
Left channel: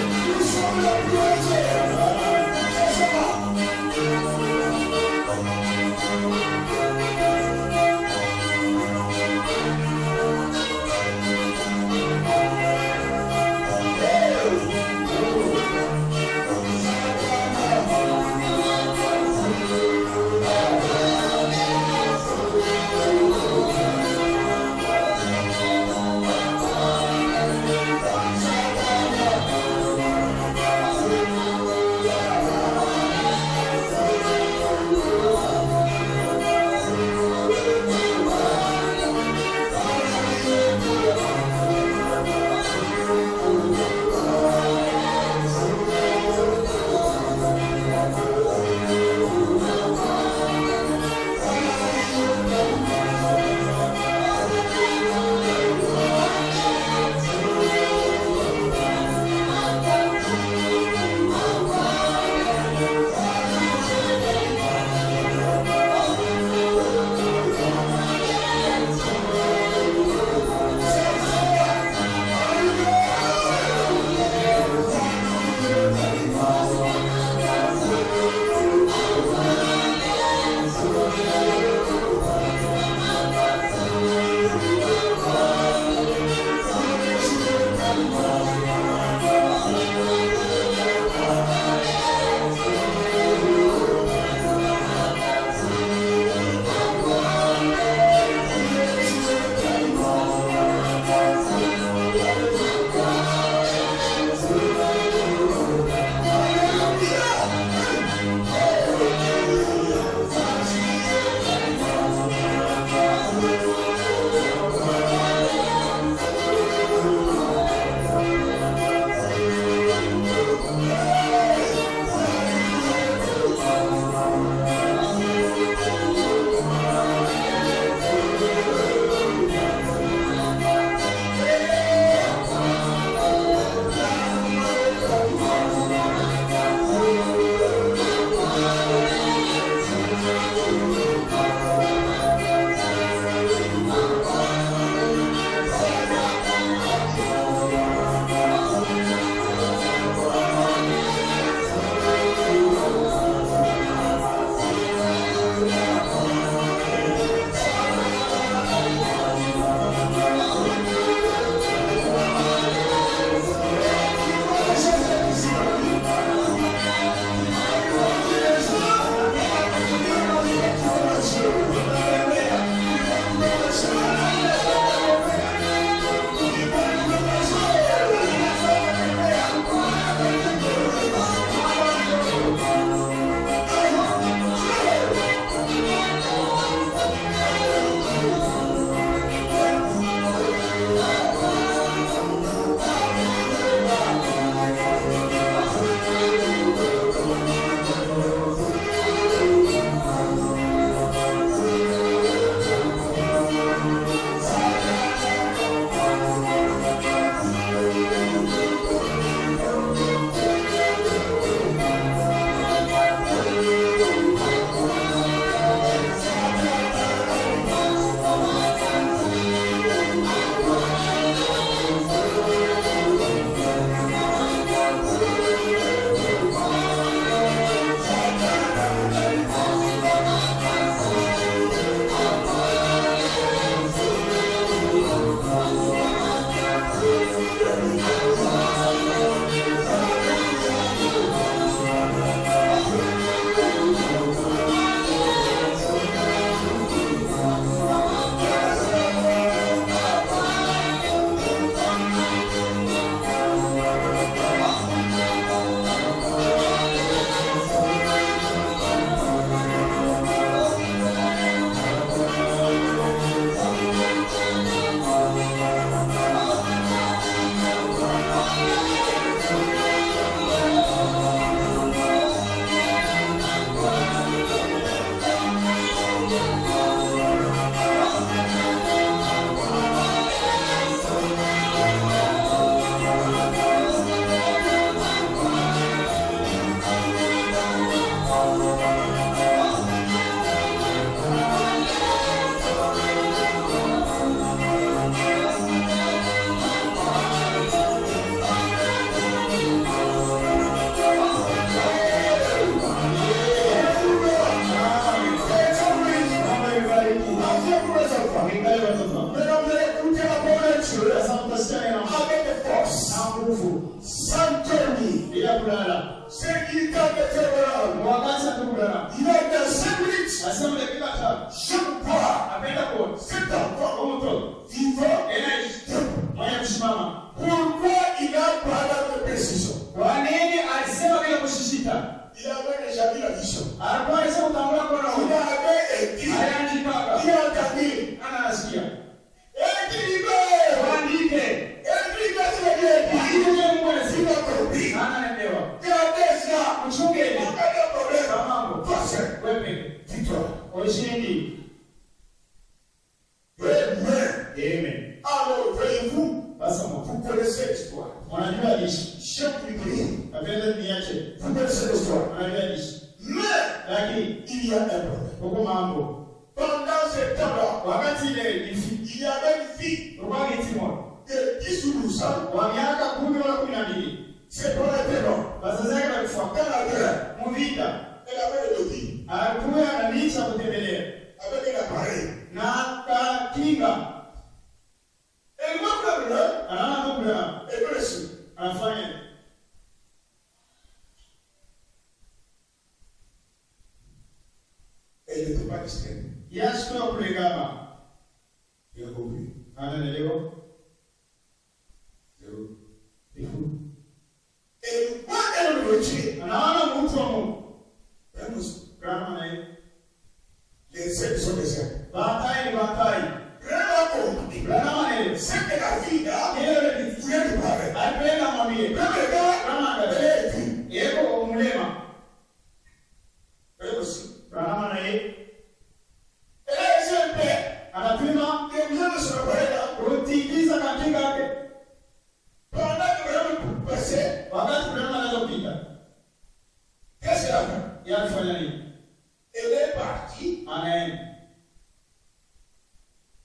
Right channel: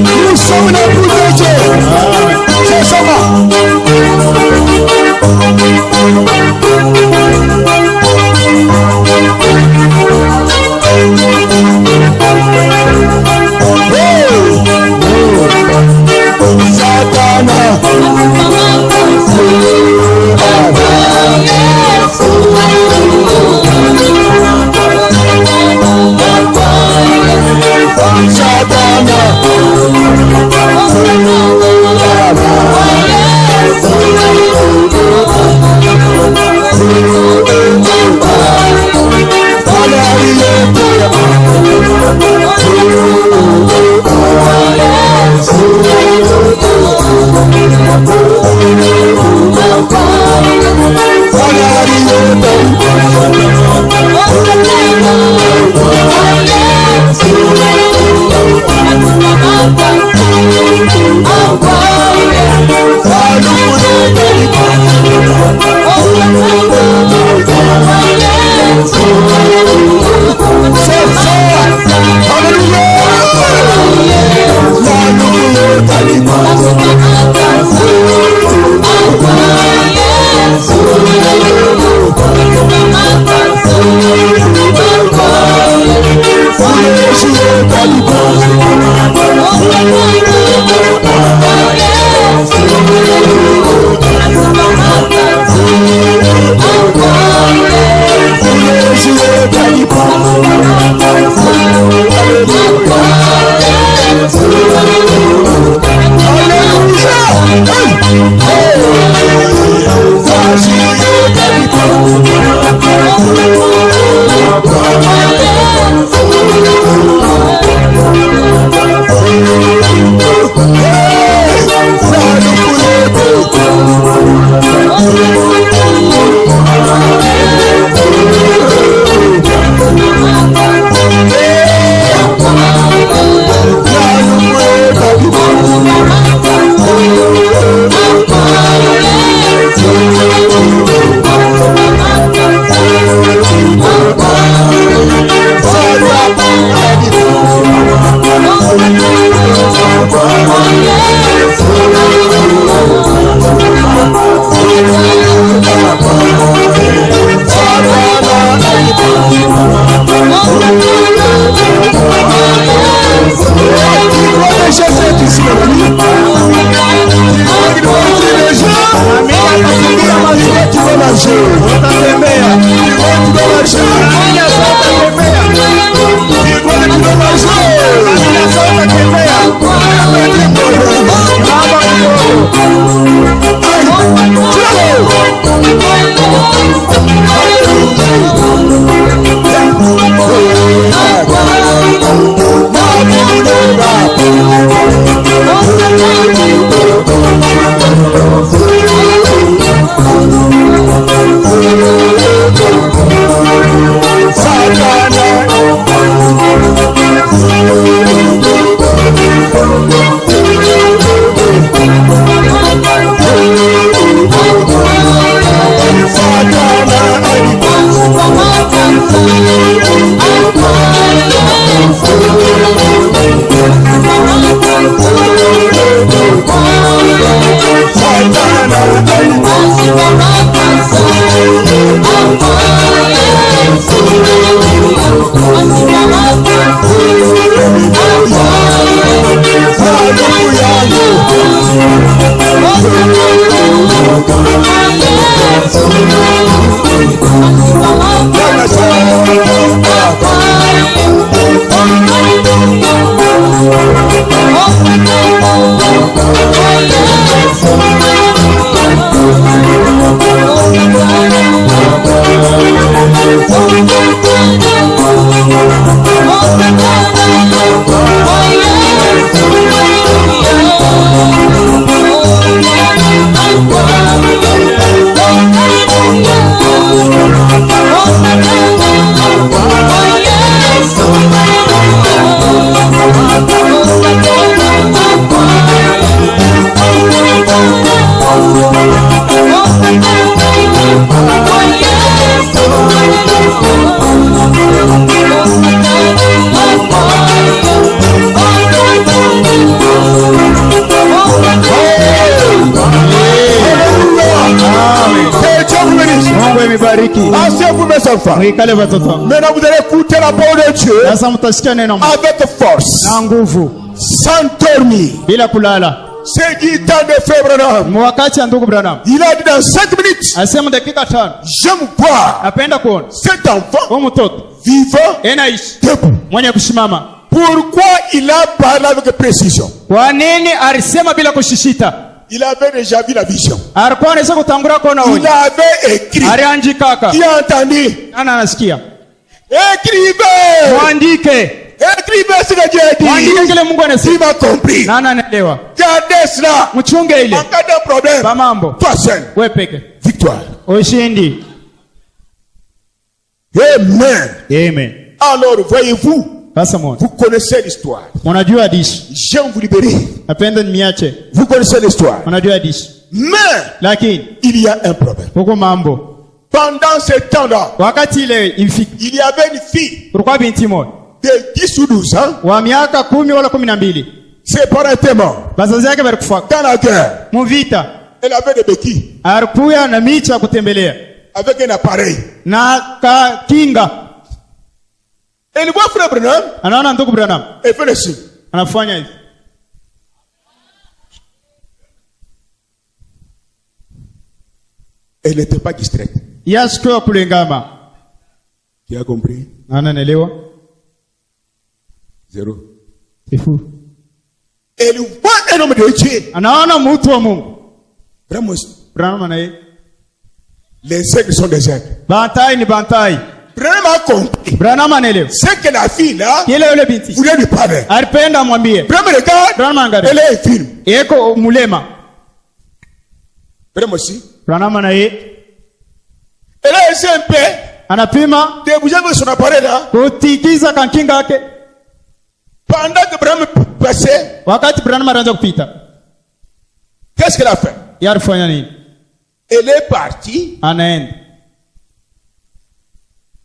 Nous sommes dans le bout de Dieu. C'est ça. enfants. Maintenant vous allez écouter la parole de Dieu avec force, sans dormir. C'est du temps de Frère Branham. Il a dit dans 5 minutes, j'aime voir cet enfant vivant debout. Pourquoi il a parlé avec précision? Il avait déjà vu la vision. Il avait écrit. Qui a entendu? Écrivez. Écrivez ce que Dieu a dit. Il m'a compris. Gardez cela. En cas de problème, toi seul. Victoire. Amen. Alors voyez-vous, vous connaissez l'histoire. J'aime vous libérer. Vous connaissez l'histoire. Mais il y a un problème. Pendant ce temps-là, il y avait une fille de 10 ou 12 ans. Ses parents étaient morts dans la guerre. Elle avait des béquilles avec un appareil. Elle voit Frère Branham. Elle fait le signe. Elle n'était pas distraite. Qui a compris? Zéro. C'est fou. Elle voit un homme de Dieu. Vraiment. Les aigles sont des aigles. Branham a compris. C'est que la fille là voulait lui parler. Branham regarde. Elle est infirme. Branham aussi. Elle a essayé un peu de bouger avec son appareil là. Pendant que Branham passait, qu'est-ce qu'elle a fait? Elle est partie.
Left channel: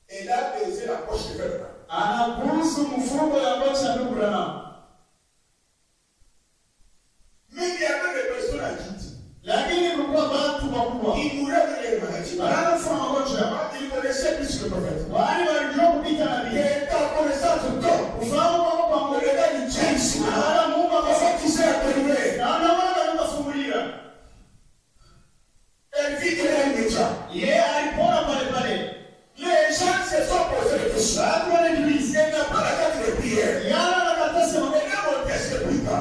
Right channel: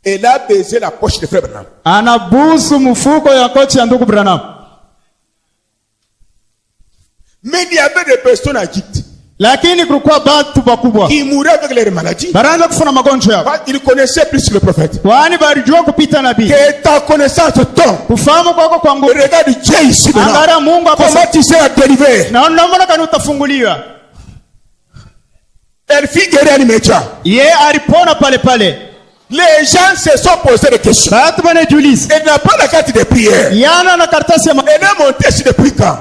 Elle a baisé la poche de Frère Branham. Mais il y avait des personnes à Égypte qui mouraient avec leurs maladies. Ils connaissaient plus le prophète. Que ta connaissance tombe. Regarde Dieu ici. Comment tu sais dériver? Elle fit guérir l'immédiat. Les gens se sont posés des questions. Elle n'a pas la carte de prière. Elle est montée sur depuis quand?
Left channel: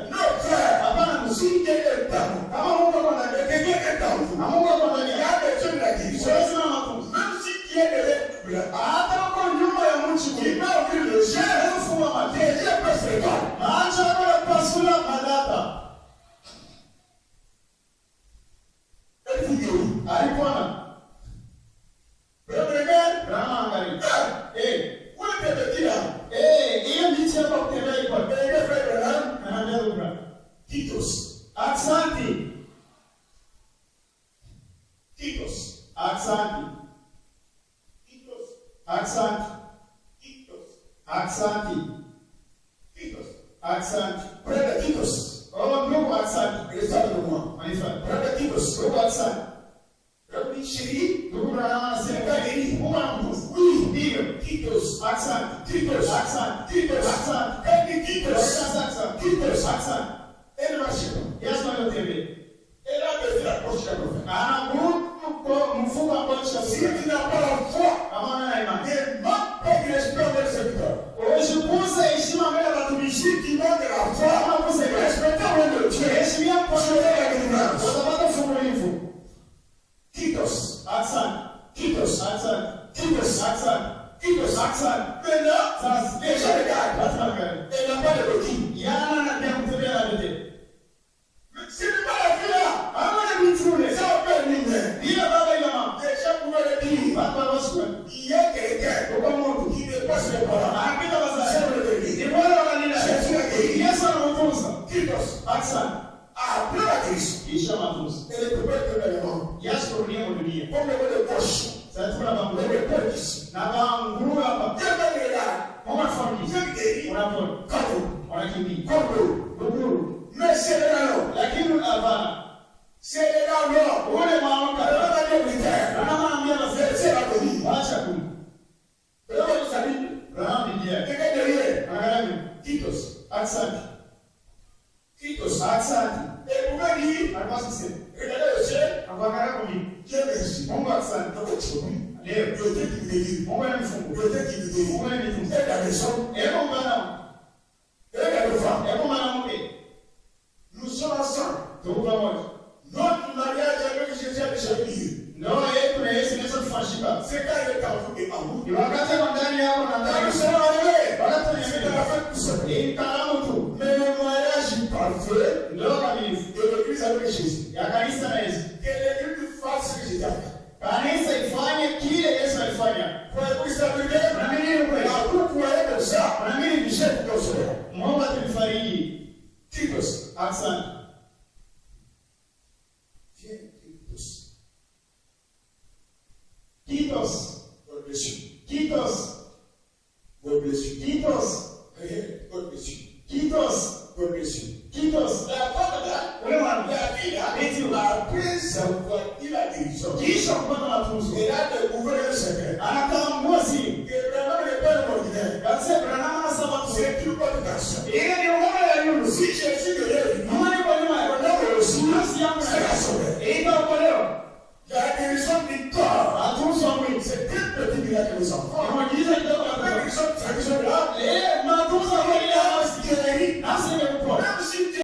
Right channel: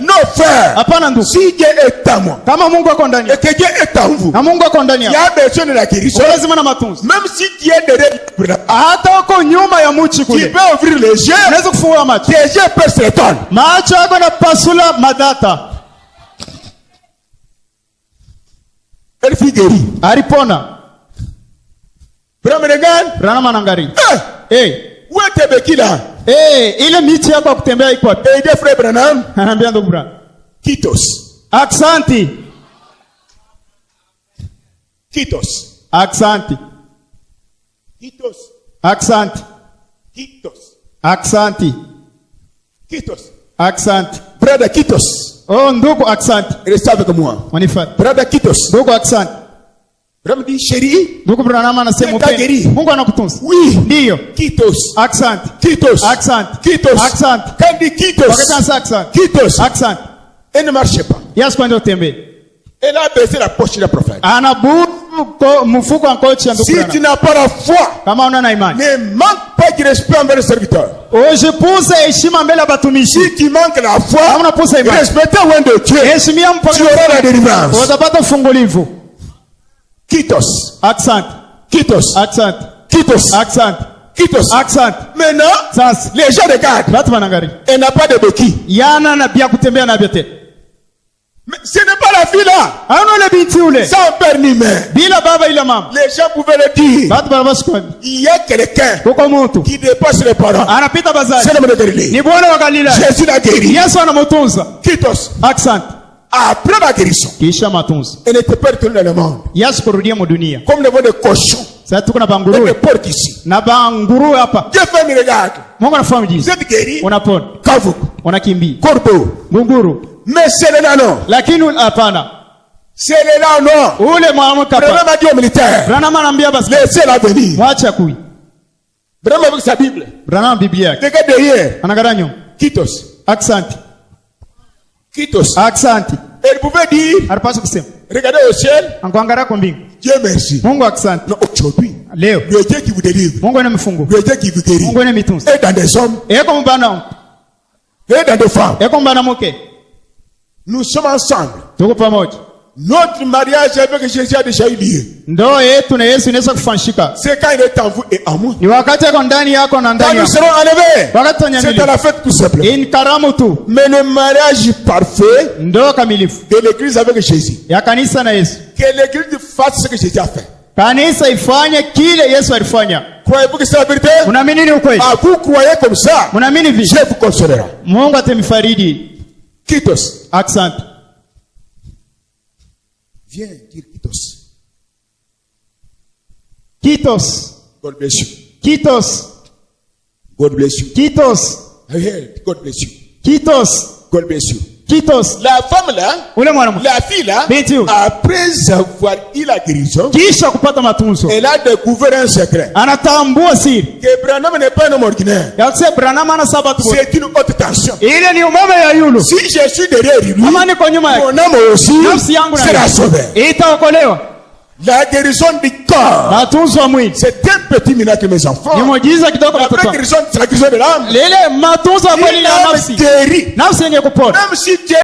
Non, frère. Si Dieu est à moi et que Dieu est à vous, il y a besoin de la guérison. Même si Dieu est derrière, tu peux ouvrir les yeux. Tes yeux peuvent se tendre. Elle fut guérie. Branham regarde. Où est tes béquilles là? Et des frères Branham. Kitos. Aksanti. Kitos. Aksanti. Kitos. Aksanti. Kitos. Aksanti. Kitos. Aksanti. Brother Kitos. Oh, ndugu Aksanti. Reste avec moi. Brother Kitos. Ndugu Aksanti. Branham dit chérie. Ndugu Branham anasema Mungu anakutunza. Oui. Ndio. Kitos. Aksanti. Kitos. Aksanti. Kitos. Aksanti. Quand dit Kitos. Aksanti. Kitos. Aksanti. Elle ne marchait pas. Yes, kwenda utembee. Elle a baissé la poche du prophète. Si tu n'as pas la foi, ne manque pas de respect envers le serviteur. Si tu manques la foi, respecter loin de Dieu, tu auras la délivrance. Kitos. Accent. Kitos. Accent. Kitos. Accent. Kitos. Accent. Maintenant, les gens regardent. Elle n'a pas de béquille. Mais ce n'est pas la fille là. Sans père ni mère. Les gens pouvaient le dire. Il y a quelqu'un qui dépasse les parents. C'est l'homme de Galilée. Jésus l'a guéri. Kitos. Accent. Après la guérison, elle n'était pas retournée dans le monde. Comme le vol de cochon. Elle est porte ici. Dieu fait me regarde. Vous êtes guéri. Kavu. Corbeau. Mais c'est le nano. C'est là non. Ule mwanamke hapa. Branham a dit au militaire. Branham anaambia basi. Laissez-la venir. Mwacha kui. Branham avec sa Bible. Branham Biblia yake. Regarde derrière. Anagaranyo. Kitos. Asante. Kitos. Asante. Elle pouvait dire. Alipaswa kusema. Regardez au ciel. Ankuangalia kwa mbingu. Dieu merci. Mungu asante. Non, aujourd'hui. Leo. Le Dieu qui vous délivre. Mungu anamfungu. Le Dieu qui vous guérit. Mungu anamitunza. Et dans des hommes. Eko mbana. Et dans des femmes. Eko mbana mke. Nous sommes ensemble. Tuko pamoja. Notre mariage avec Jésus a déjà eu lieu. Ndoa yetu na Yesu inaweza kufanshika. C'est quand il est en vous et en moi. Ni wakati yako ndani yako na ndani Quand nous yako. serons enlevés. Wakati C'est à la fête tout simplement. Ni karamu tu. Mais le mariage parfait Ndoa kamilifu de l'église avec Jésus. ya kanisa na Yesu. Que l'église fasse ce que Jésus a fait. Kanisa ifanye kile Yesu alifanya. Croyez-vous que c'est la vérité? Unaamini ni ukweli? Ah, vous croyez comme ça? Unaamini vipi? Dieu vous consolera. Mungu atamifariji. Kitos. Asante. Viens dire Kitos. Kitos. God bless you. Kitos. God bless you. Kitos. God bless you. Kitos. God bless you. Kitos. La femme là, Ule mwanamke. la fille là, Binti huyu. après avoir eu la guérison, Kisha kupata matunzo. elle a découvert un secret. Anatambua siri. Que Branham n'est pas un homme ordinaire. Ya kusema Branham ana sababu. C'est une haute tension. Ile ni umeme ya yulu. Si je suis derrière lui, Kama niko nyuma yake. mon âme aussi Nafsi yangu na sera sauvée. itaokolewa. La guérison du corps, Matunzo ya mwili. c'est un petit miracle, mes enfants. Ni muujiza kidogo La watoto. vraie guérison, c'est la guérison de l'âme. Lile matunzo ya kweli ya L'âme nafsi. guérit. Nafsi yenye kupona. Même si Dieu